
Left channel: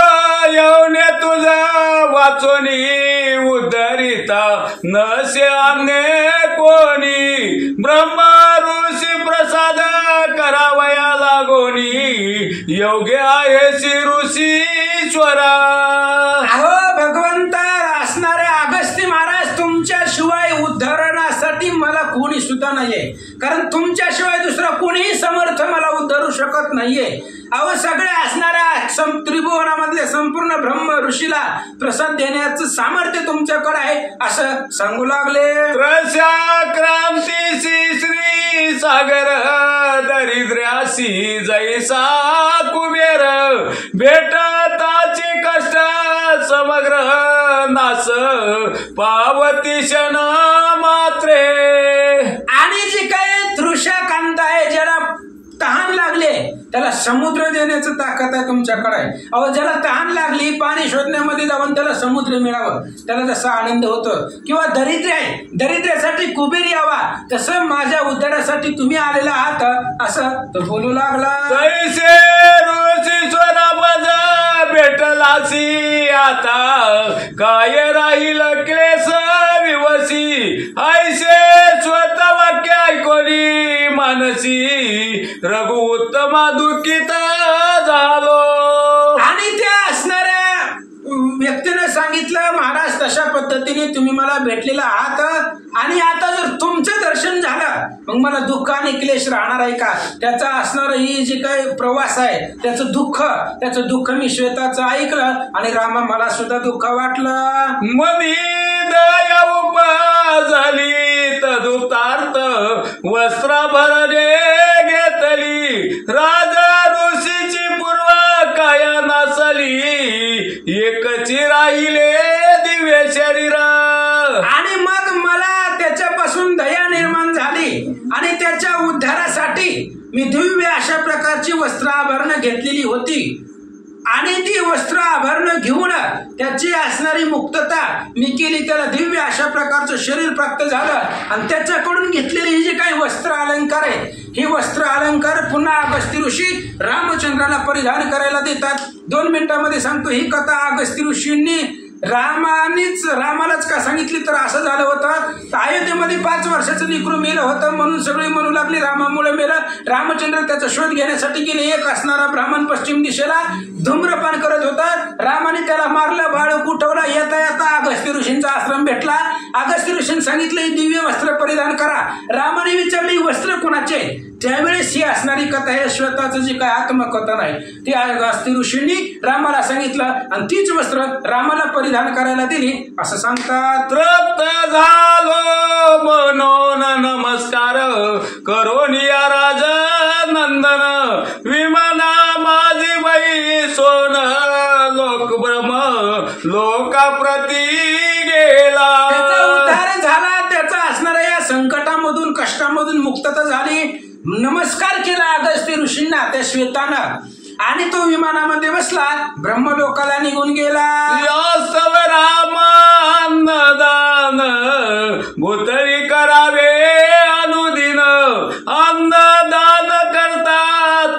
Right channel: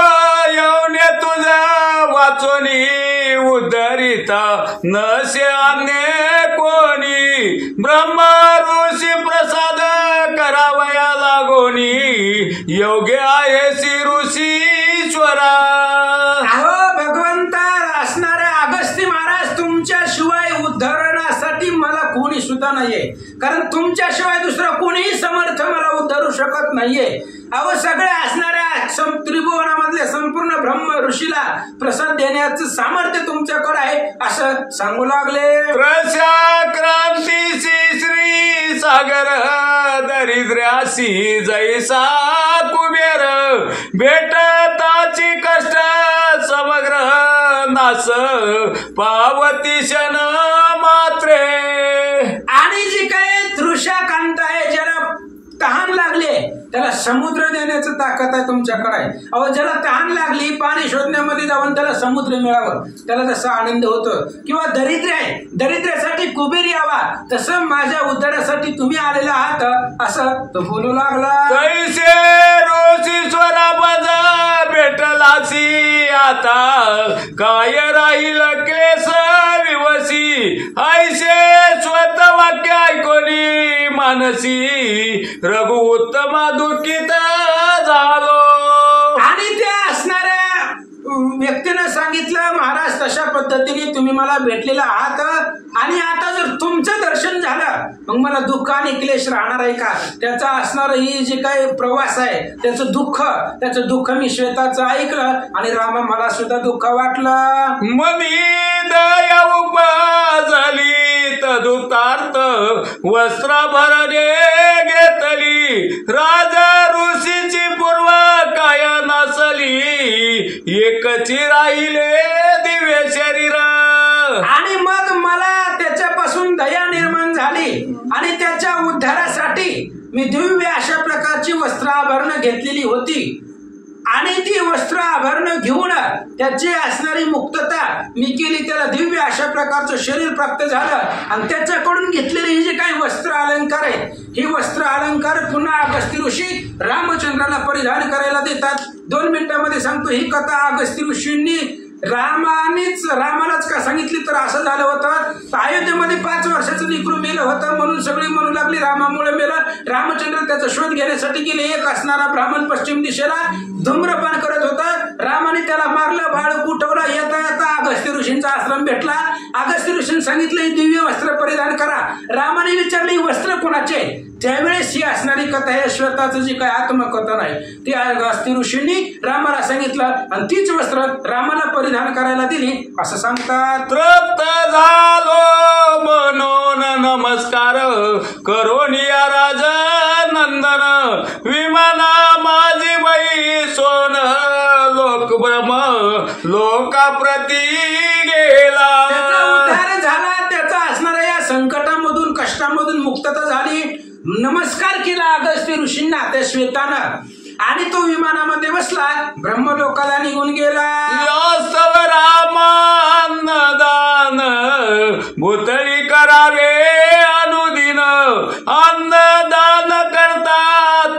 येऊने तुझा वाचोनी उद्धरिता नसे अन्य कोणी, ब्रह्म ऋषी प्रसाद करावया लागोनी, योग्य आहे श्री ऋषीश्वरा. अहो भगवंता असणारे अगस्ती महाराज, तुमच्याशिवाय उद्धरणासाठी मला कोणी सुद्धा नाहीये, कारण तुमच्याशिवाय दुसरा कोणीही समर्थ मला उद्धरू शकत नाहीये. अहो सगळे असणाऱ्या त्रिभुवनामधले संपूर्ण ब्रह्म ऋषीला प्रसाद देण्याचं सामर्थ्य तुमच्याकडे आहे, असं सांगू लागले. प्रशा क्रांतीशी श्री सागर दरिद्र्यासी जैसा कुबेर, भेटताची कष्ट समग्र नास पावती क्षण मात्रे. आणि जी काही तृषाकांत आहे, ज्याला तहान लागले त्याला समुद्र देण्याचं ताकद आहे तुमच्याकडे. अहो ज्याला तहान लागली पाणी शोधण्यामध्ये जाऊन त्याला समुद्र मिळावं, त्याला जसा आनंद होतो. किंवा दरिद्र आहे, दरिद्र्यासाठी कुबेर यावा, तसं माझ्या उद्धारासाठी तुम्ही आलेला आहात, असं तो बोलू लागला. कैसे ऋषी स्वरापद भेटलासी आता, काय राहील क्लेश विवसी, ऐसे स्वत वाक्य ऐकोनी मानसी, रघु उत्तमा दुःखित झालो. आणि त्या असणाऱ्या व्यक्तीने सांगितलं, महाराज तशा पद्धतीने तुम्ही मला भेटलेला आहात, आणि आता जर तुमचं दर्शन झालं मग मला दुःख आणि क्लेश राहणार आहे का. त्याचा असणार ही जे काही प्रवास आहे त्याचं दुःख मी श्वेताचं ऐकलं, आणि रामा मला सुद्धा दुःख वाटलं. मनी दया उपजली तदुतार्थ वस्त्राभरणे घेतली, राजा ऋषीची पूर्व काय नसली, एकची राहिले दिव्य शरीर. आणि मग मला त्याच्यापासून दया निर्माण झाली, आणि त्याच्या उद्धारासाठी मी दिव्य अशा प्रकारची वस्त्र आभरणं घेतलेली होती. आणि ती वस्त्र आभरणं घेऊन त्याची असणारी मुक्तता मी केली, त्याला दिव्य अशा प्रकारचं शरीर प्राप्त झालं. आणि त्याच्याकडून घेतलेले हे जे काही वस्त्र अलंकार आहेत, हे वस्त्र अलंकार पुन्हा अगस्ती ऋषी रामचंद्राला परिधान करायला देतात. 2 मिनिटांमध्ये सांगतो ही कथा. अगस्ती ऋषींनी रामालाच का सांगितली, तर असं झालं होतं, अयोध्येमध्ये 5 वर्षाचं लेकरू मेलं होतं, म्हणून सगळी म्हणू लागली रामामुळे मेलं. रामचंद्र त्याचा शोध घेण्यासाठी गेले. एक असणारा ब्राह्मण पश्चिम दिशेला धूम्रपान करत होता, रामाने त्याला मारलं, बाळ उठवला. येता येता अगस्ती ऋषींचा आश्रम भेटला. अगस्ती ऋषींनी सांगितलं ही दिव्य वस्त्र परिधान करा. रामाने विचारलं ही वस्त्र कोणाचे. त्यावेळेस ही असणारी कथा आहे श्वेताचं जी काय आत्मकथन आहे ती अगस्ती ऋषींनी रामाला सांगितलं, आणि तीच वस्त्र रामाला परिधान करायला दिली, असं सांगतात. तृप्त झालो म्हणून नमस्कार करोनिया राजा नंदन, विमाना माझी बाई सोन लोक ब्रह्म लोकाप्रती गेला. त्याचा उद्धार झाला, त्याचा असणाऱ्या या संकटामधून कष्टामधून मुक्तता झाली. नमस्कार केला अगस्ती ऋषींना त्या श्वेतानं, आणि तो विमानामध्ये बसला, ब्रह्मलोकाला निघून गेला. यास्तव रामान्नदान भूतळी करावे अनुदिन, अन्नदान करता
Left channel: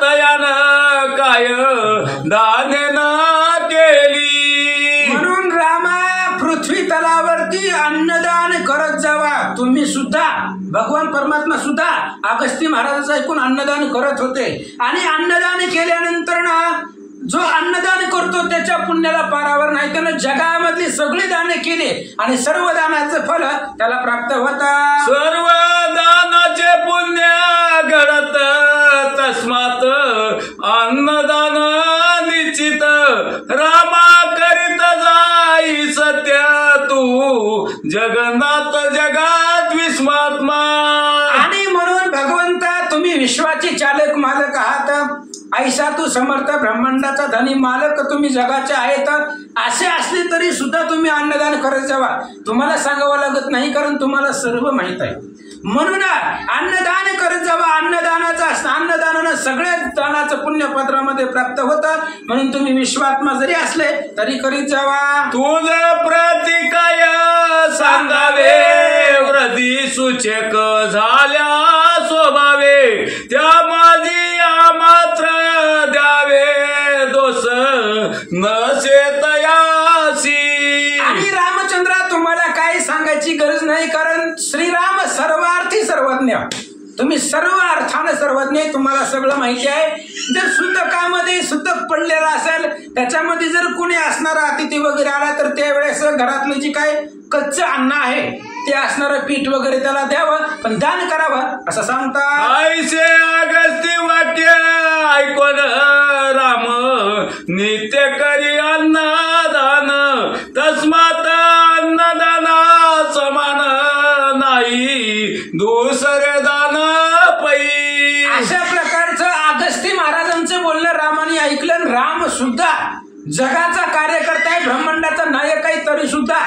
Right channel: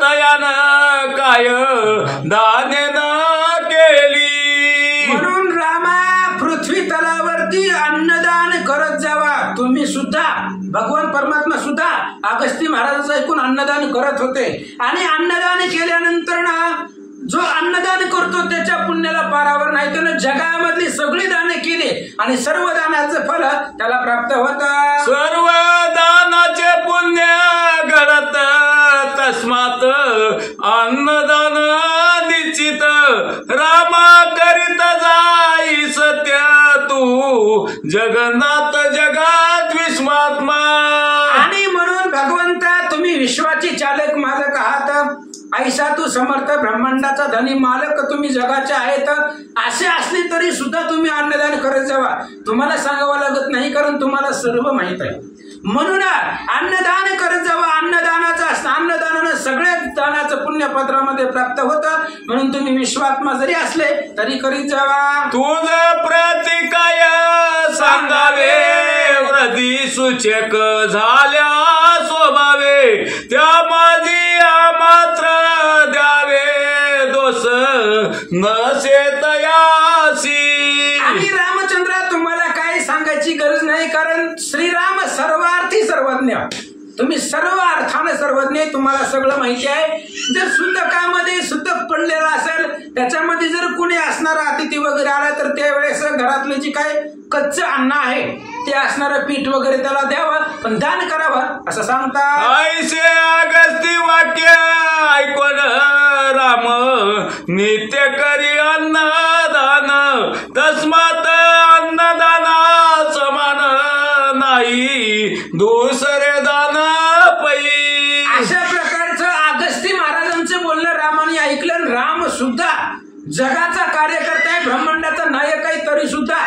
तयान काय दानेन केली. म्हणून रामा पृथ्वी तलावरती अन्नदान करत जावा. तुम्ही सुद्धा भगवान परमात्मा सुद्धा अगस्ती महाराजाचं ऐकून अन्नदान करत होते, आणि अन्नदान केल्यानंतर ना जो अन्नदान करतो त्याच्या पुण्याला पारावर नाही. त्यानं जगामधली सगळी दाने केली आणि सर्व दानाचं फल त्याला प्राप्त होतं. सर्व दानाचे पुण्य घडत तस्मात अन्नदान निश्चित रामा करीत जाई सत्य तू जगन्नाथ जगात विश्वात्मा. आणि म्हणून भगवंता तुम्ही विश्वाचे चालक मालक आहात. ऐसा तू समर्थ ब्रह्मांडाचा धनी मालक तुम्ही जगाचे आहेत. असे असले तरी सुद्धा तुम्ही अन्नदान करत जावा. तुम्हाला सांगावं लागत नाही कारण तुम्हाला सर्व माहित आहे. म्हणून अन्नदान करत जावा. अन्नदानानं सगळ्या दानाचं पुण्यपत्रामध्ये प्राप्त होतं. म्हणून तुम्ही विश्वात्मा जरी असले तरी करीत जावा. तुझ प्रतिकाय सांगावे वृद्धी सूचक झाल्या स्वभावे त्या माझी मात्र द्यावे दोष नसे तयासी. आणि रामचंद्रा तुम्हाला काय सांगायची गरज नाही कारण श्रीराम सर्वार्थी सर्वज्ञ. तुम्ही सर्व अर्थानं सर्वज्ञ. तुम्हाला सगळं माहिती आहे. जर सुतकामध्ये सुतक पडलेला असेल त्याच्यामध्ये जर कुणी असणारा अतिथी वगैरे आला तर त्यावेळेस घरातलं जे काय कच्चं अन्न आहे ते असणारं पीठ वगैरे त्याला द्यावं पण दान करावं असं सांगतात. ऐसे अगस्ती वाक्य ऐकून राम नित्य करी अन्नदान तस्मात अन्नदाना समान नाही दुसरे दान पै. अशा प्रकारचं अगस्ती महाराजांचं बोलणं रामाने ऐकलं. राम सुद्धा जगाचा कार्यकर्ता आहे, ब्रह्मांडाचा नायक आहे, तरी सुद्धा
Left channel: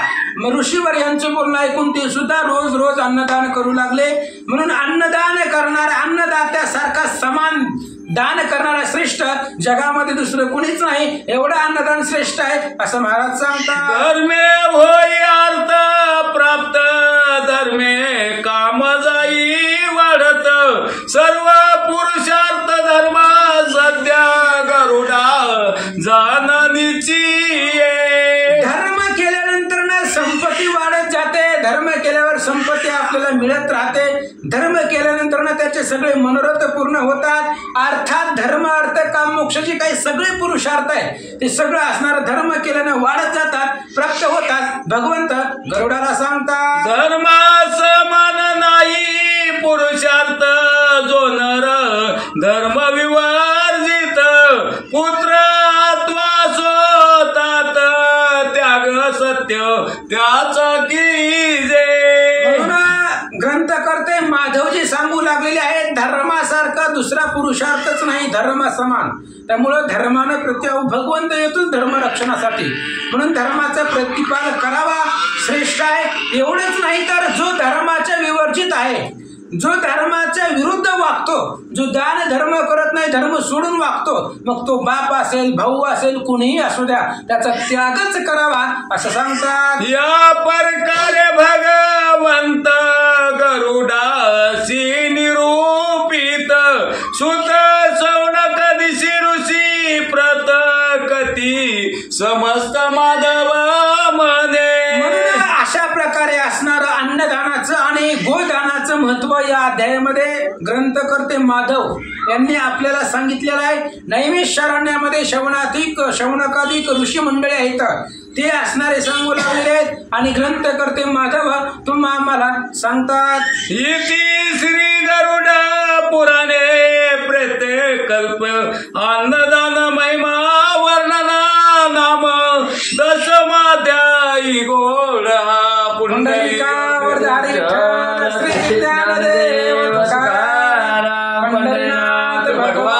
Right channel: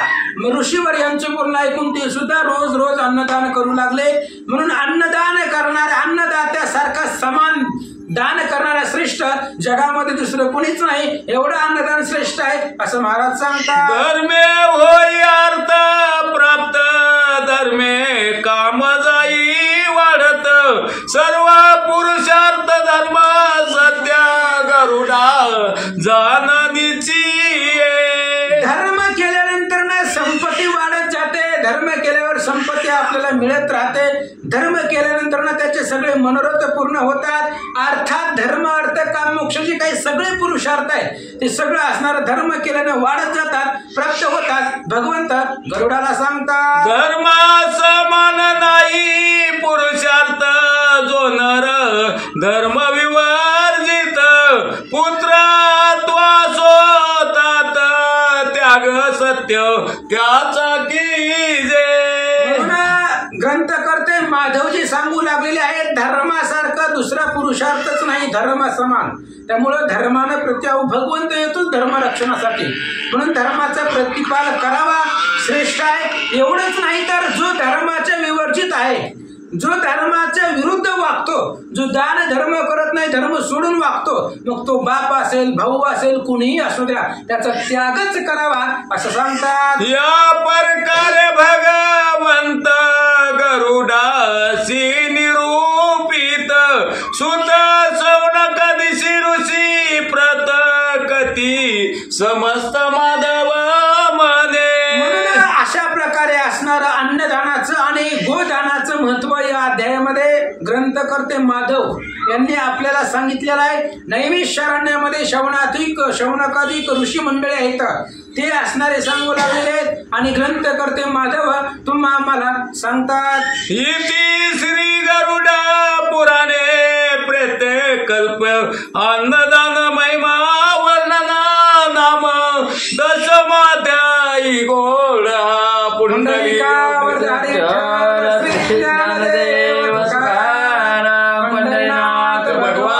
ऋषीवर यांचं बोलणं ऐकून ते सुद्धा रोज रोज अन्नदान करू लागले. म्हणून अन्नदान करणारा अन्नदात्यासारखा समान दान करणारा श्रेष्ठ जगामध्ये दुसरं कुणीच नाही. एवढं अन्नदान श्रेष्ठ आहे असं महाराज सांगतात. धर्मे होई अर्थ प्राप्त धर्मे काम जाई वाढत सर्व पुरुषार्थ धर्म सत्या गरुडा जाननीची. धर्म केल्यानंतर ना संपत्ती वाढत जाते. धर्म केल्यावर संपत्ती आपल्याला मिळत राहते. धर्म केल्यानंतर ना त्याचे सगळे मनोरथ पूर्ण होतात. अर्थात धर्म अर्थ काम मोक्ष जे काही सगळे पुरुषार्थ आहे ते सगळं असणारं धर्म केल्याने वाढत जातात प्राप्त होतात. भगवंत गरुडाला सांगतात धर्मा समान नाही पुरुषार्थ जो नर धर्म विवर्जित पुत्र स्वतात त्याग सत्य त्याचा कीजे. ग्रंथकर्ते माधवजी सांगू लागलेले आहेत धर्मासारखा दुसरा पुरुषार्थच नाही धर्म समान. त्यामुळं धर्मानं प्रत्याव भगवंत येतोच धर्म रक्षणासाठी. म्हणून धर्माचा प्रतिपादन करावा श्रेष्ठ आहे. एवढंच नाही तर जो धर्माच्या विवर्जित आहे जो धर्माच्या विरुद्ध वागतो जो दान धर्म करत नाही धर्म सोडून वागतो मग तो बाप असेल भाऊ असेल कुणीही असू द्या त्याचा त्यागच करावा असं सांगतात. या प्रकारे भगवंत गरुडासी निरूपित सुत सौनक दिशी ऋषी प्रत कती समस्त माधव मने. अशा प्रकारे असणारं अन्नदानाचं आणि गोदानाचं महत्व या अध्यायामध्ये ग्रंथकर्ते माधव यांनी आपल्याला सांगितलेलं आहे. नैमिषारण्यामध्ये शौनकाधिक ऋषी मंडळी आहेत ते असणारे सांगू लागलेले आहेत आणि ग्रंथकर्ते माधव तुम्हा आम्हाला सांगतात. इति श्री गरुड पुराणे प्रेते कल्प अन्नदान महिमा वर्णना नाम दशमाध्यायी गोडा पुंडलिकावर पंढरीनाथ भगवान